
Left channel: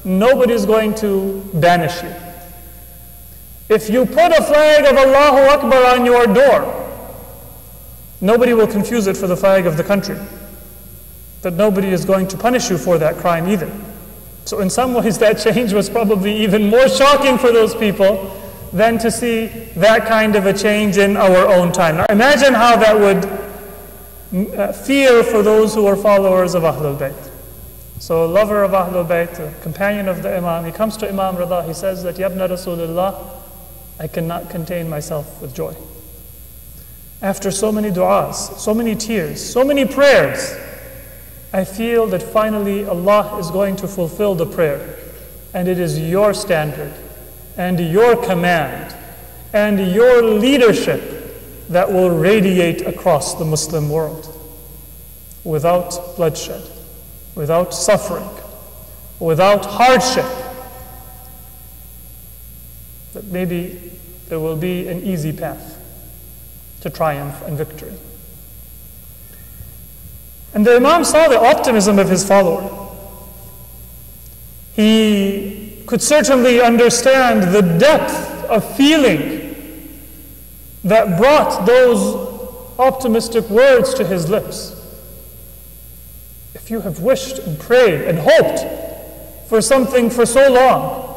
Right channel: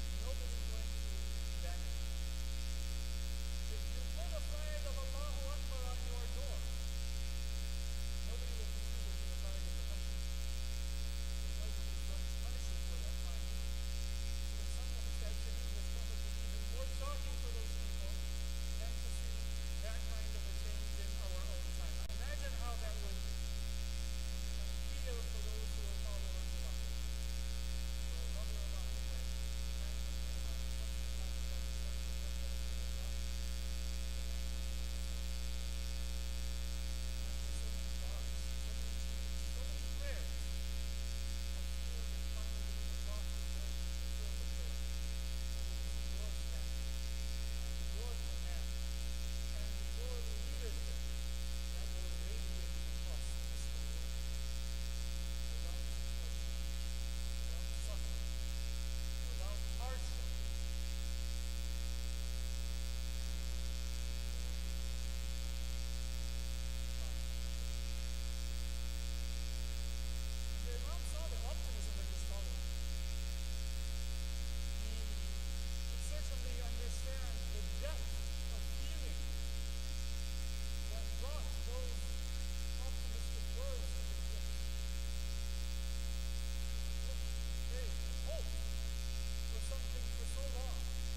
Nobody's going to banish you. If you put a flag of Allahu Akbar on your door, nobody will confuse it for the flag of the country. But nobody is going to punish you for that crime either. So in some ways that change was probably even more shocking for those people than to see that kind of a change in our own time. Now imagine how that would feel for those who are followers of Ahlul Bayt. So a lover of Ahlul Bayt, a companion of the Imam, he comes to Imam Rida, he says that, Yabna Rasulullah, I cannot contain myself with joy. After so many du'as, so many tears, so many prayers, I feel that finally Allah is going to fulfill the prayer. And it is your standard, and your command, and your leadership that will radiate across the Muslim world without bloodshed, without suffering, without hardship. But maybe there will be an easy path to triumph and victory. And the Imam saw the optimism of his follower. He could certainly understand the depth of feeling that brought those optimistic words to his lips. If you have wished and prayed and hoped for something for so long,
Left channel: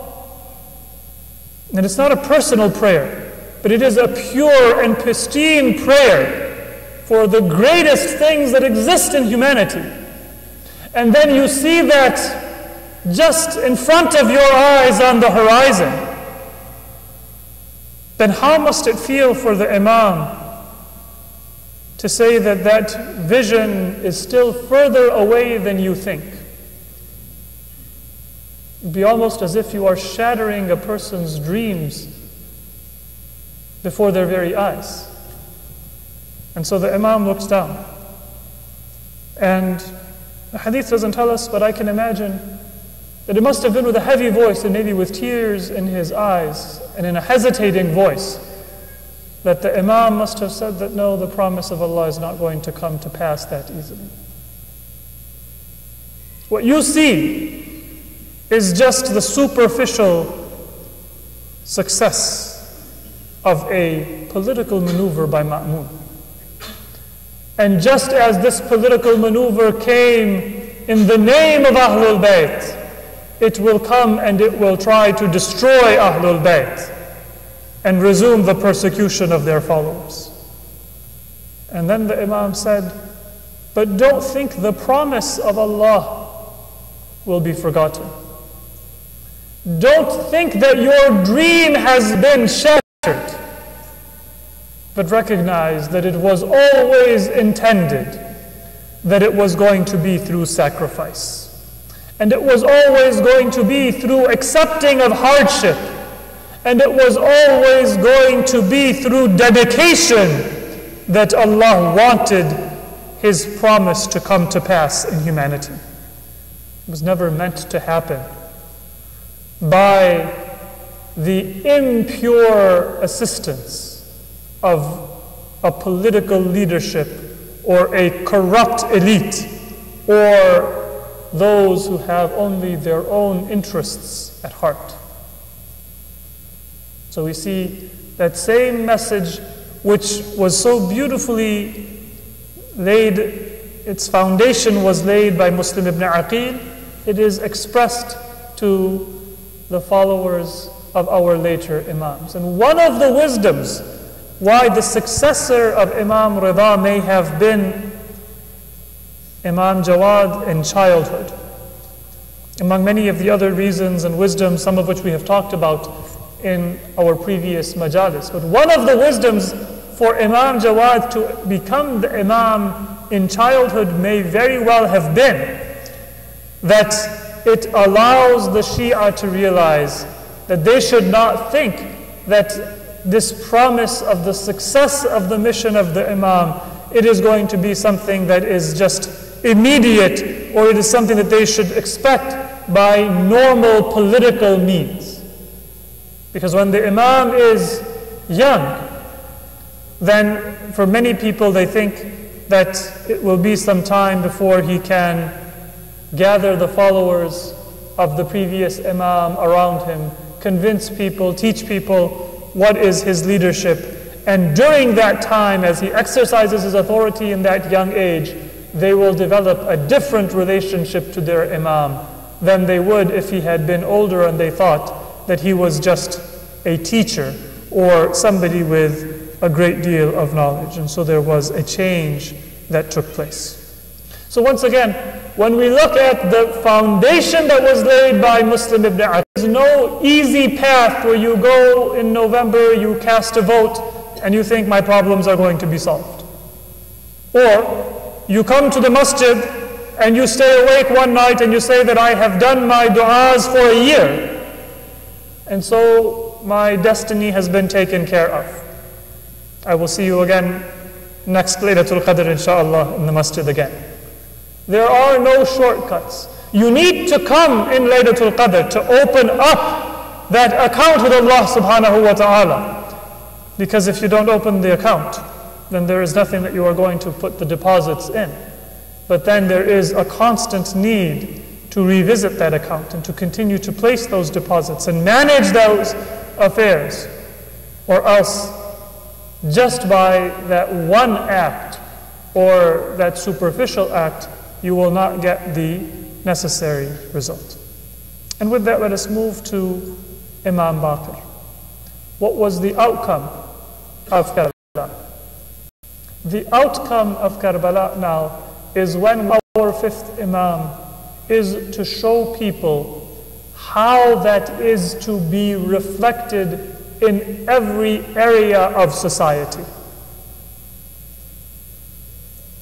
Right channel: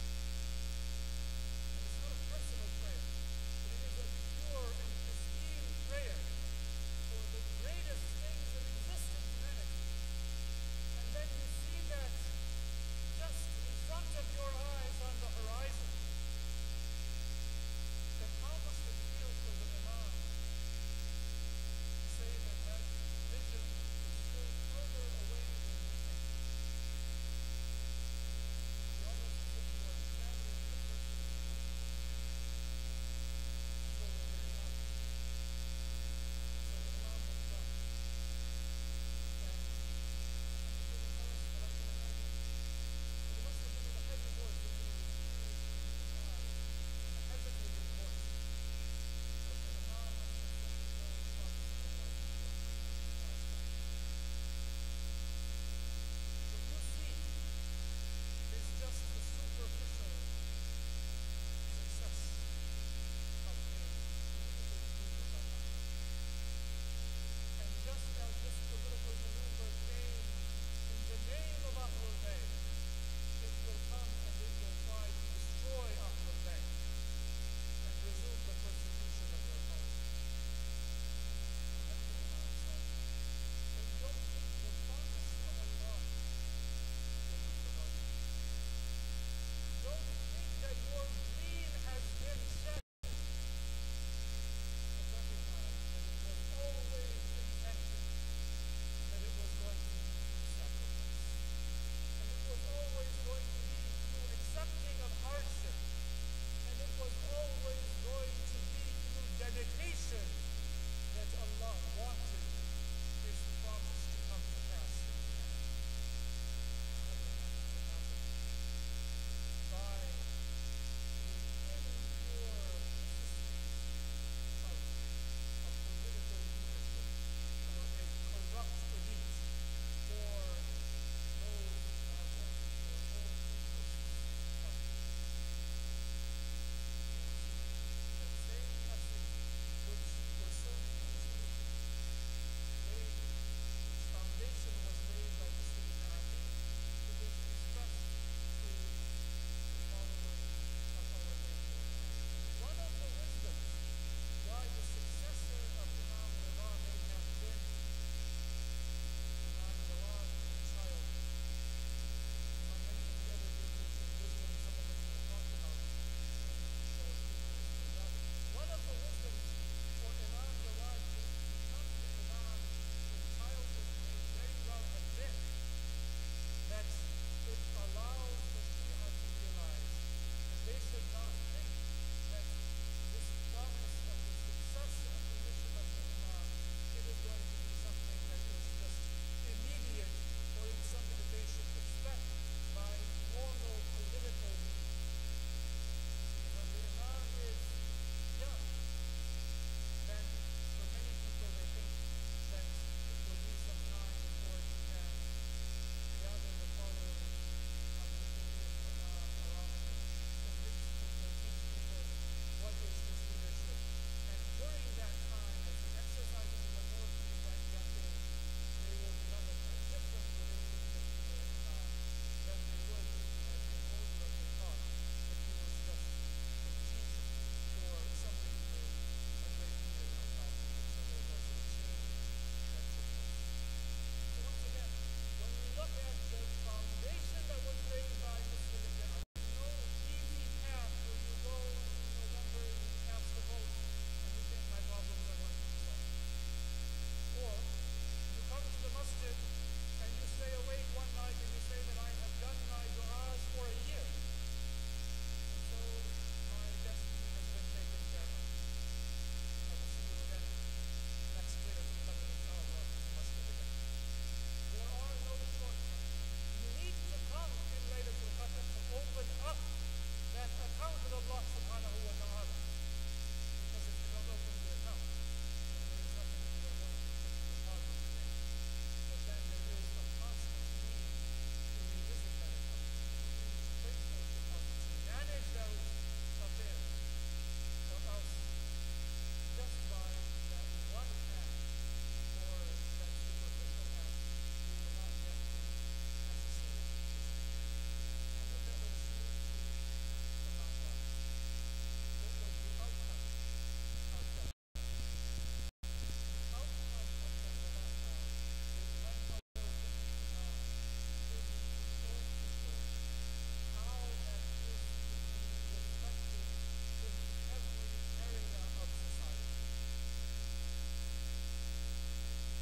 and it's not a personal prayer, but it is a pure and pristine prayer for the greatest things that exist in humanity, and then you see that just in front of your eyes on the horizon, then how must it feel for the Imam to say that that vision is still further away than you think? It would be almost as if you are shattering a person's dreams before their very eyes. And so the Imam looks down. And the hadith doesn't tell us, but I can imagine that it must have been with a heavy voice and maybe with tears in his eyes and in a hesitating voice that the Imam must have said that no, the promise of Allah is not going to come to pass that easily. What you see is just the superficial success of a political maneuver by Ma'mun. And just as this political maneuver came in the name of Ahlul Bayt, it will come and it will try to destroy Ahlul Bayt and resume the persecution of their followers. And then the Imam said, but don't think the promise of Allah will be forgotten. Don't think that your dream has been shattered, but recognize that it was always intended that it was going to be through sacrifice. And it was always going to be through accepting of hardship. And it was always going to be through dedication that Allah wanted His promise to come to pass in humanity. It was never meant to happen by the impure assistance of a political leadership or a corrupt elite or those who have only their own interests at heart. So we see that same message which was so beautifully laid, its foundation was laid by Muslim ibn Aqeel, it is expressed to the followers of our later Imams. And one of the wisdoms why the successor of Imam Rida may have been Imam Jawad in childhood, among many of the other reasons and wisdoms, some of which we have talked about in our previous majalis. But one of the wisdoms for Imam Jawad to become the Imam in childhood may very well have been that it allows the Shia to realize that they should not think that this promise of the success of the mission of the Imam, it is going to be something that is just immediate, or it is something that they should expect by normal political means. Because when the Imam is young, then for many people they think that it will be some time before he can gather the followers of the previous Imam around him, convince people, teach people what is his leadership. And during that time, as he exercises his authority in that young age, they will develop a different relationship to their Imam than they would if he had been older and they thought that he was just a teacher or somebody with a great deal of knowledge. And so there was a change that took place. So once again, when we look at the foundation that was laid by Muslim ibn Aqeel, there's no easy path where you go in November, you cast a vote, and you think my problems are going to be solved. Or you come to the masjid and you stay awake one night and you say that I have done my du'as for a year, and so my destiny has been taken care of. I will see you again next Laylatul Qadr inshallah in the masjid again. There are no shortcuts. You need to come in Laylatul Qadr to open up that account with Allah subhanahu wa ta'ala. Because if you don't open the account, then there is nothing that you are going to put the deposits in. But then there is a constant need to revisit that account and to continue to place those deposits and manage those affairs. Or else, just by that one act or that superficial act, you will not get the necessary result. And with that, let us move to Imam Baqir. What was the outcome of Karbala? The outcome of Karbala now is when our fifth Imam is to show people how that is to be reflected in every area of society.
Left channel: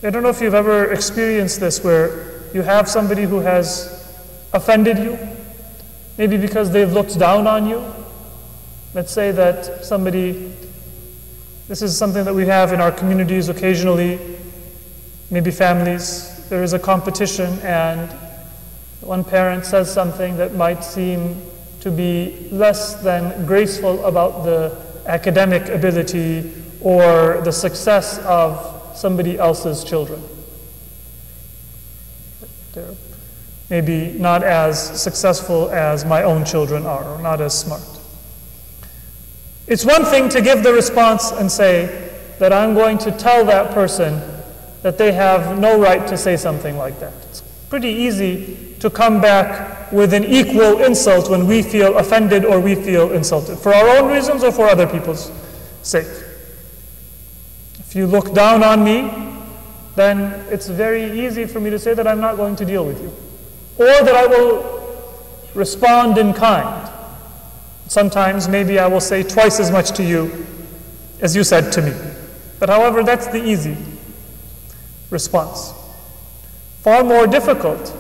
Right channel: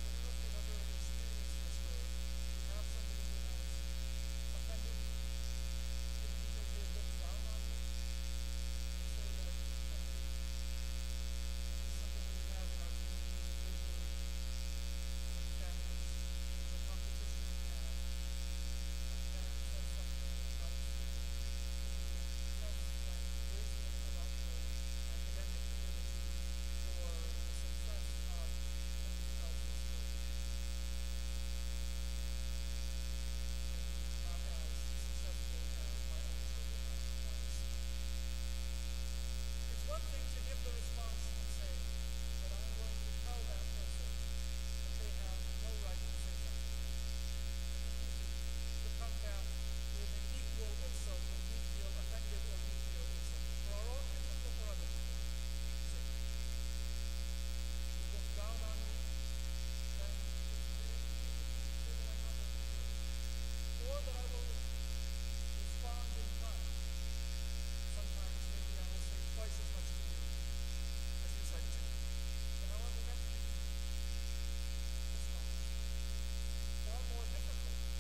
I don't know if you've ever experienced this, where you have somebody who has offended you, maybe because they've looked down on you. Let's say that somebody, this is something that we have in our communities occasionally, maybe families. There is a competition and one parent says something that might seem to be less than graceful about the academic ability or the success of somebody else's children. They're maybe not as successful as my own children are, or not as smart. It's one thing to give the response and say that I'm going to tell that person that they have no right to say something like that. It's pretty easy to come back with an equal insult when we feel offended or we feel insulted, for our own reasons or for other people's sake. If you look down on me, then it's very easy for me to say that I'm not going to deal with you, or that I will respond in kind. Sometimes maybe I will say twice as much to you as you said to me. But however, that's the easy response. Far more difficult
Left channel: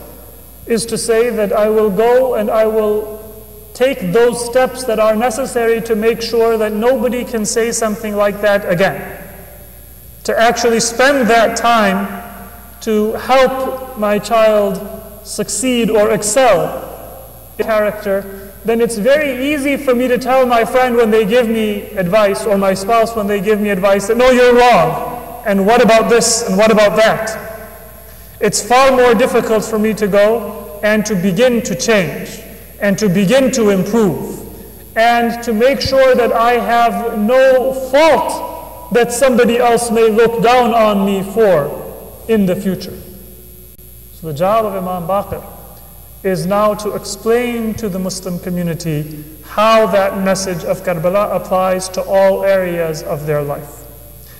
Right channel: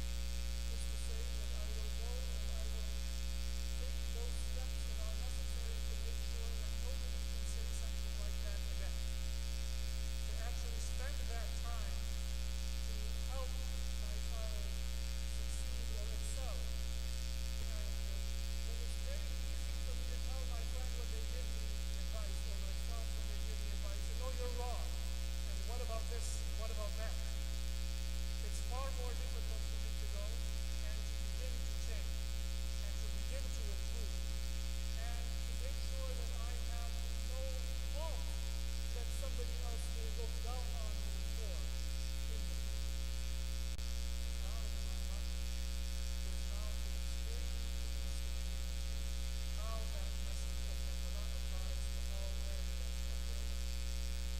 is to say that I will go and I will take those steps that are necessary to make sure that nobody can say something like that again. To actually spend that time to help my child succeed or excel in character, then it's very easy for me to tell my friend when they give me advice, or my spouse when they give me advice, that no, you're wrong, and what about this, and what about that? It's far more difficult for me to go and to begin to change, and to begin to improve, and to make sure that I have no fault that somebody else may look down on me for in the future. So the job of Imam Baqir is now to explain to the Muslim community how that message of Karbala applies to all areas of their life.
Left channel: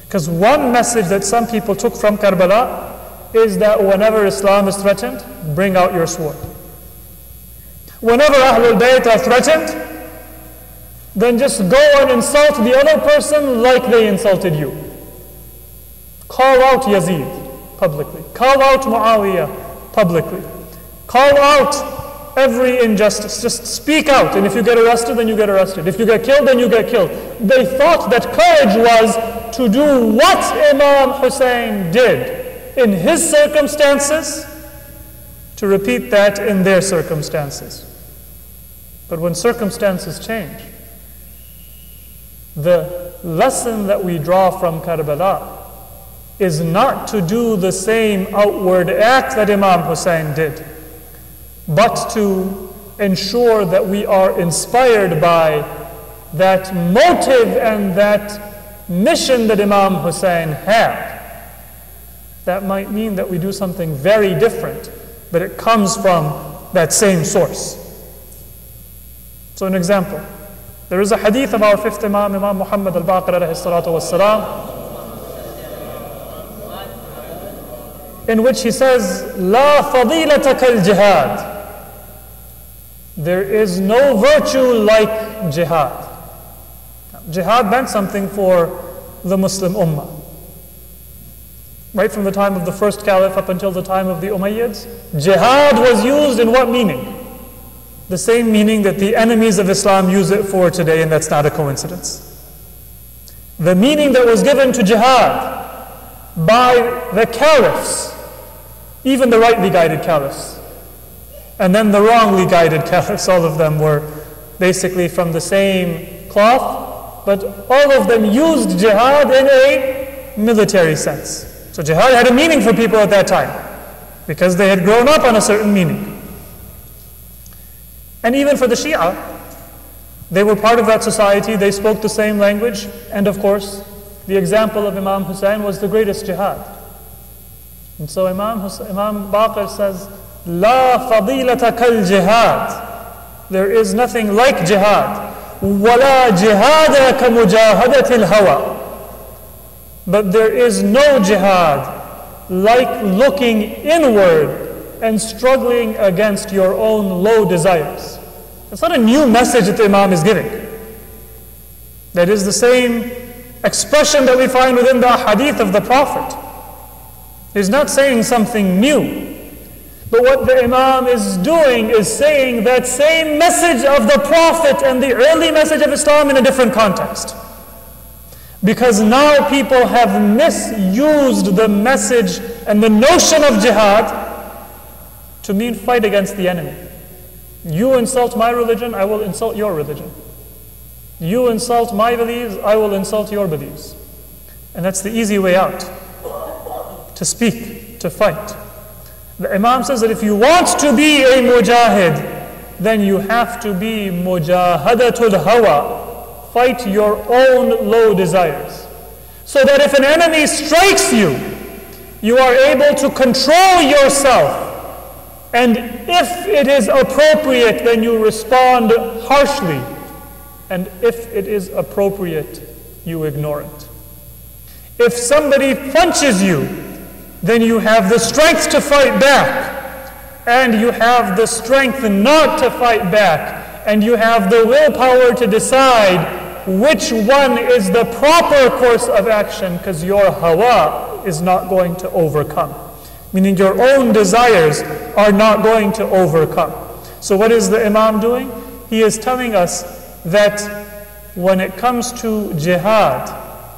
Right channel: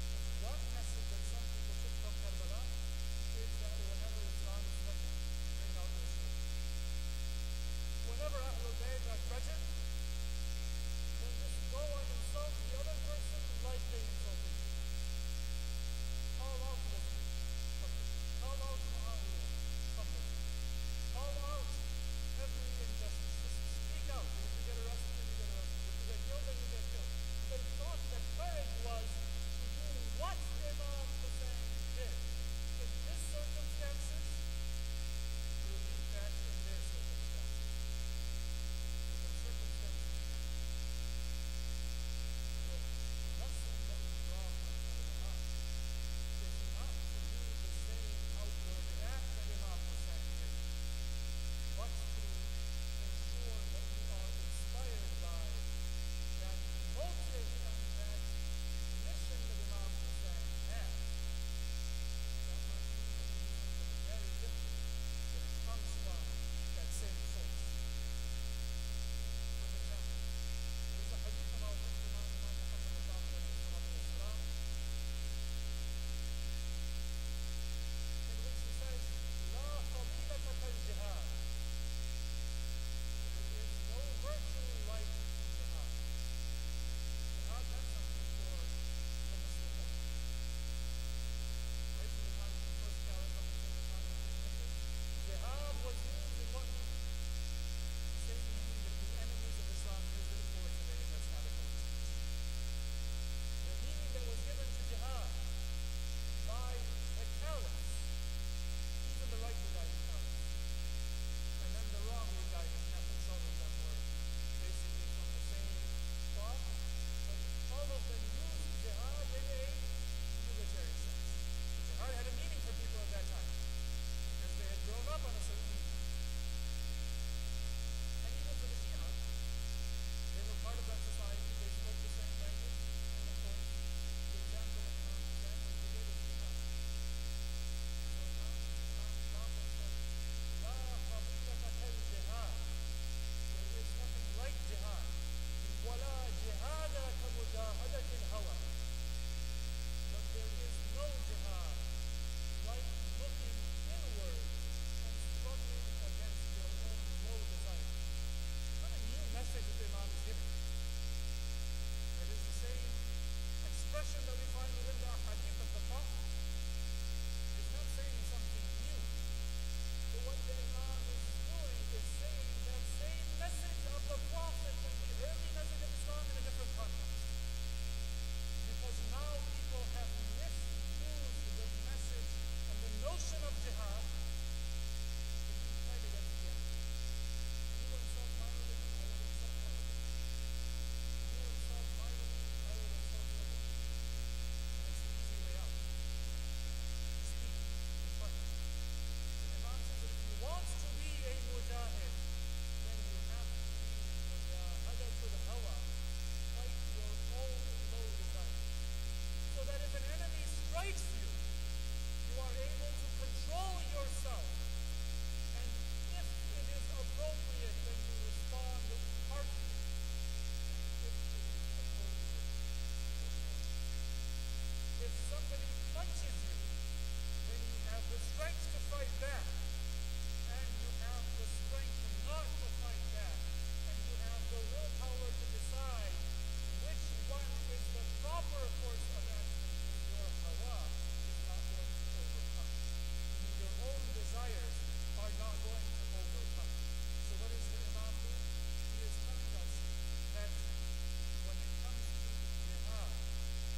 Because one message that some people took from Karbala is that whenever Islam is threatened, bring out your sword. Whenever Ahlul Bayt are threatened, then just go and insult the other person like they insulted you. Call out Yazid publicly. Call out Muawiyah publicly. Call out every injustice. Just speak out, and if you get arrested, then you get arrested. If you get killed, then you get killed. They thought that courage was to do what Imam Hussein did in his circumstances, to repeat that in their circumstances. But when circumstances change, the lesson that we draw from Karbala is not to do the same outward act that Imam Hussein did, but to ensure that we are inspired by that motive and that mission that Imam Hussein had. That might mean that we do something very different, but it comes from that same source. So an example, there is a hadith of our fifth Imam, Imam Muhammad al-Baqir alayhi salatu wassalam, in which he says, "La fadilata kal jihad." There is no virtue like jihad. Jihad meant something for the Muslim Ummah. Right from the time of the first caliph up until the time of the Umayyads, jihad was used in what meaning? The same meaning that the enemies of Islam use it for today, and that's not a coincidence. The meaning that was given to jihad by the caliphs, even the rightly guided caliphs, and then the wrongly guided caliphs, all of them were basically from the same cloth, but all of them used jihad in a military sense. So jihad had a meaning for people at that time, because they had grown up on a certain meaning. And even for the Shia, they were part of that society, they spoke the same language, and of course, the example of Imam Hussein was the greatest jihad. And so Imam Baqir says, La fadilata kal jihad. There is nothing like jihad. Wala jihada ka mujahadatil hawa. But there is no jihad like looking inward and struggling against your own low desires. It's not a new message that the Imam is giving. That is the same expression that we find within the hadith of the Prophet. He's not saying something new. But what the Imam is doing is saying that same message of the Prophet and the early message of Islam in a different context. Because now people have misused the message and the notion of jihad to mean fight against the enemy. You insult my religion, I will insult your religion. You insult my beliefs, I will insult your beliefs. And that's the easy way out. To speak, to fight. The Imam says that if you want to be a mujahid, then you have to be mujahadatul hawa. Fight your own low desires. So that if an enemy strikes you, you are able to control yourself. And if it is appropriate, then you respond harshly. And if it is appropriate, you ignore it. If somebody punches you, then you have the strength to fight back. And you have the strength not to fight back. And you have the willpower to decide which one is the proper course of action, because your hawa is not going to overcome. Meaning your own desires are not going to overcome. So what is the Imam doing? He is telling us that when it comes to jihad,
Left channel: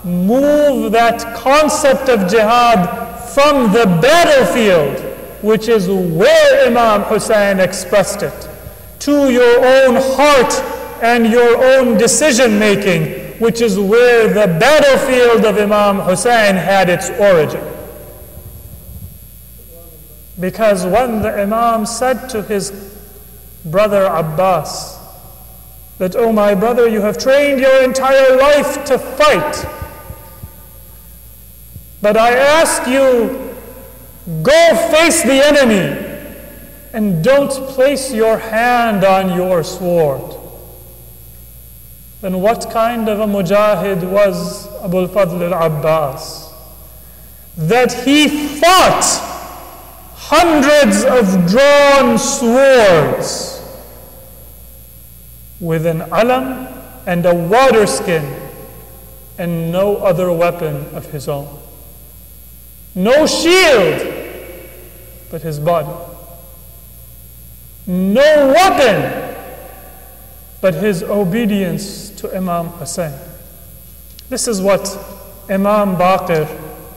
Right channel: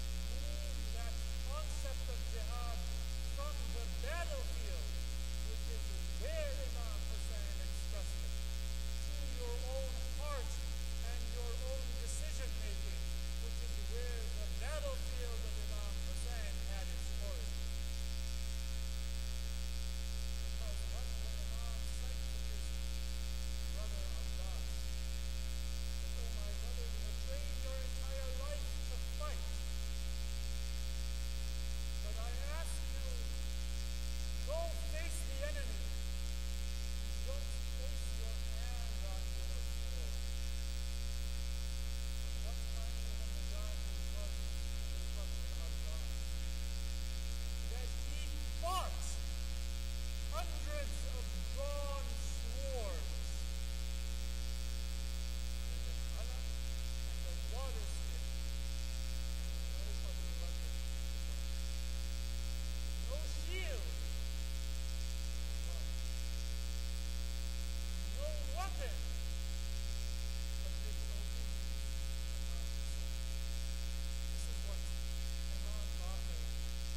move that concept of jihad from the battlefield, which is where Imam Hussein expressed it, to your own heart and your own decision making, which is where the battlefield of Imam Hussein had its origin. Because when the Imam said to his brother Abbas that, "Oh my brother, you have trained your entire life to fight, but I ask you, go face the enemy and don't place your hand on your sword." Then what kind of a mujahid was Abu al-Fadl al-Abbas? That he fought hundreds of drawn swords with an alam and a water skin and no other weapon of his own. No shield but his body. No weapon but his obedience to Imam Hussein. This is what Imam Baqir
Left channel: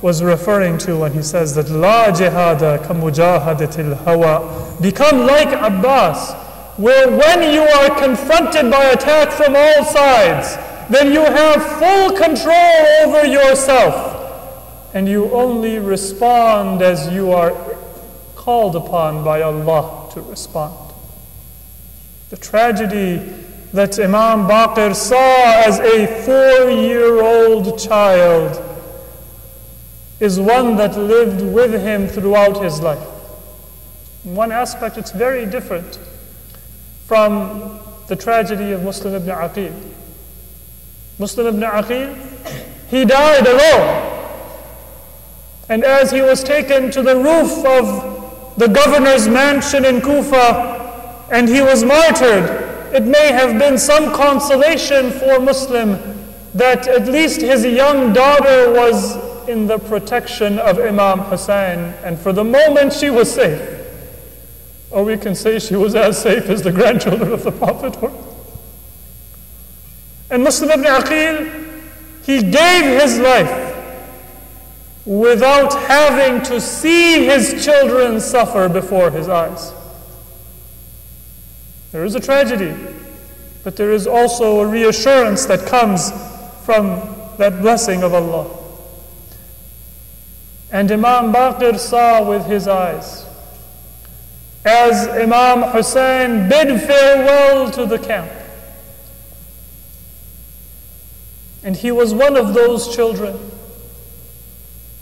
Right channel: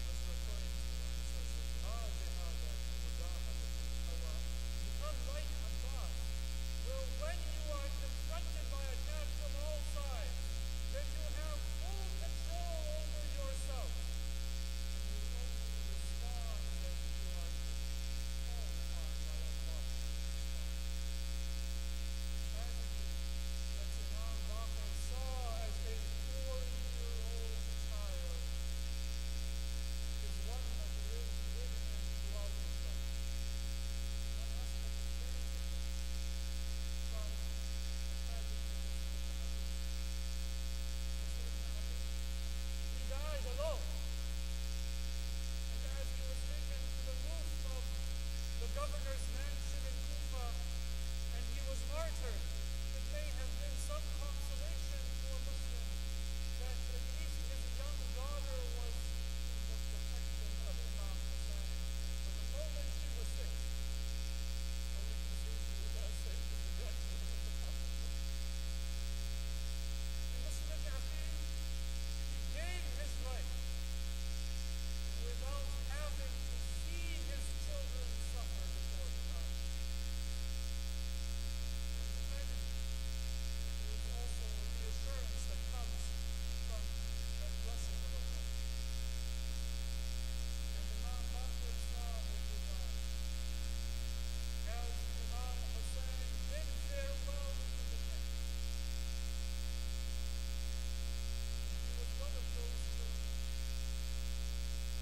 was referring to when he says that La jihada ka mujahadatil hawa. Become like Abbas, where when you are confronted by attack from all sides, then you have full control over yourself, and you only respond as you are called upon by Allah to respond. The tragedy that Imam Baqir saw as a 4-year-old child is one that lived with him throughout his life. In one aspect, it's very different from the tragedy of Muslim ibn Aqeel. Muslim ibn Aqeel, he died alone. And as he was taken to the roof of the governor's mansion in Kufa and he was martyred, it may have been some consolation for Muslim that at least his young daughter was in the protection of Imam Hussein, and for the moment she was safe. Or we can say she was as safe as the grandchildren of the Prophet were. And Muslim ibn Aqeel, he gave his life without having to see his children suffer before his eyes. There is a tragedy, but there is also a reassurance that comes from that blessing of Allah. And Imam Baqir saw with his eyes as Imam Hussein bid farewell to the camp. And he was one of those children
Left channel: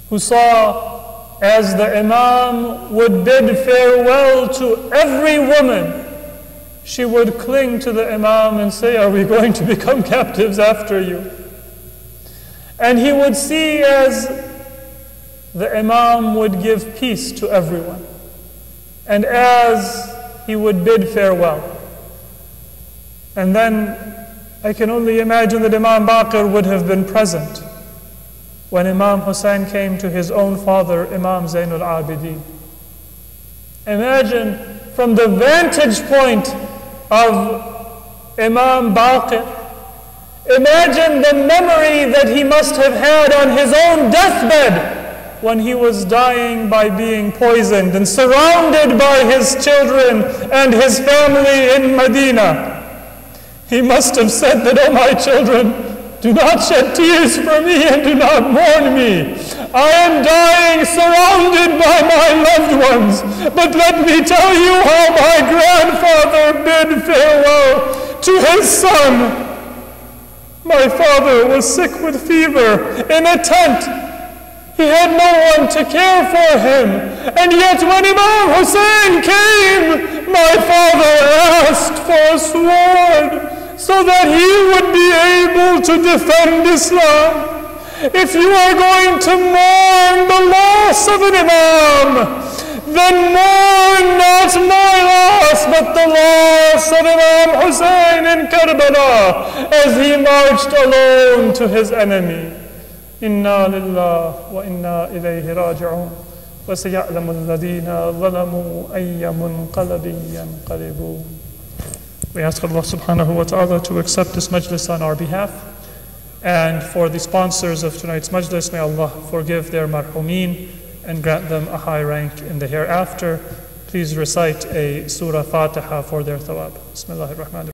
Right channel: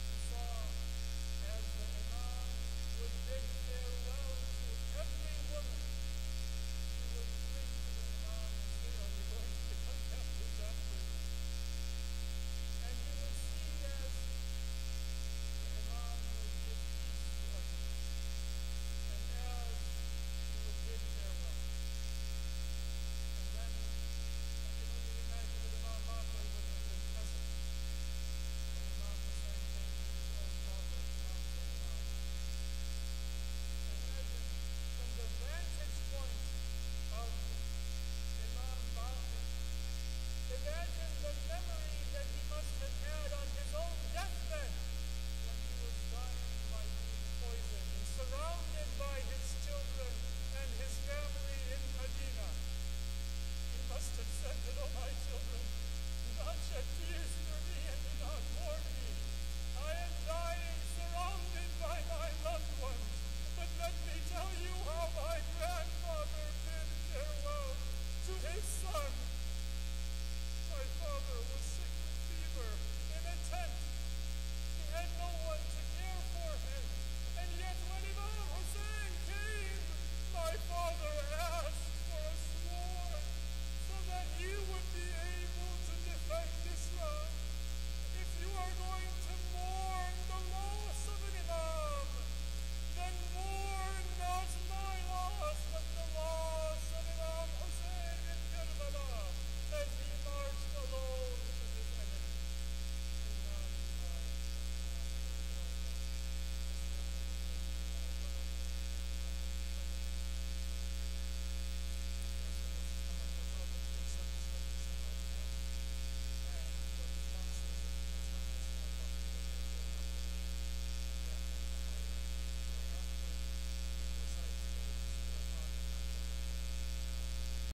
who saw as the Imam would bid farewell to every woman, she would cling to the Imam and say, "Are we going to become captives after you?" And he would see as the Imam would give peace to everyone, and as he would bid farewell. And then I can only imagine that Imam Baqir would have been present when Imam Hussein came to his own father, Imam Zainul Abidi. Imagine from the vantage point of Imam Baqir, imagine the memory that he must have had on his own deathbed when he was dying by being poisoned and surrounded by his children and his family in Medina. He must have said that, "Oh my children, do not shed tears for me and do not mourn me. I am dying surrounded by my loved ones. But let me tell you how my grandfather bid farewell to his son. My father was sick with fever in a tent. He had no one to care for him. And yet when Imam Hussein came, my father asked for a sword so that he would be able to defend Islam. If you are going to mourn the loss of an Imam, then mourn not my loss, but the loss of Imam Hussein in Karbala as he marched alone to his enemy. Inna lillah wa inna ilayhi raji'un. Wa saya'lamu alladhina zalamu ayya munqalabin yanqalibun. We ask Allah subhanahu wa ta'ala to accept this majlis on our behalf. And for the sponsors of tonight's majlis, may Allah forgive their marhumeen and grant them a high rank in the hereafter. Please recite a surah Fatiha for their thawab. Bismillahir Rahmanir Rahim.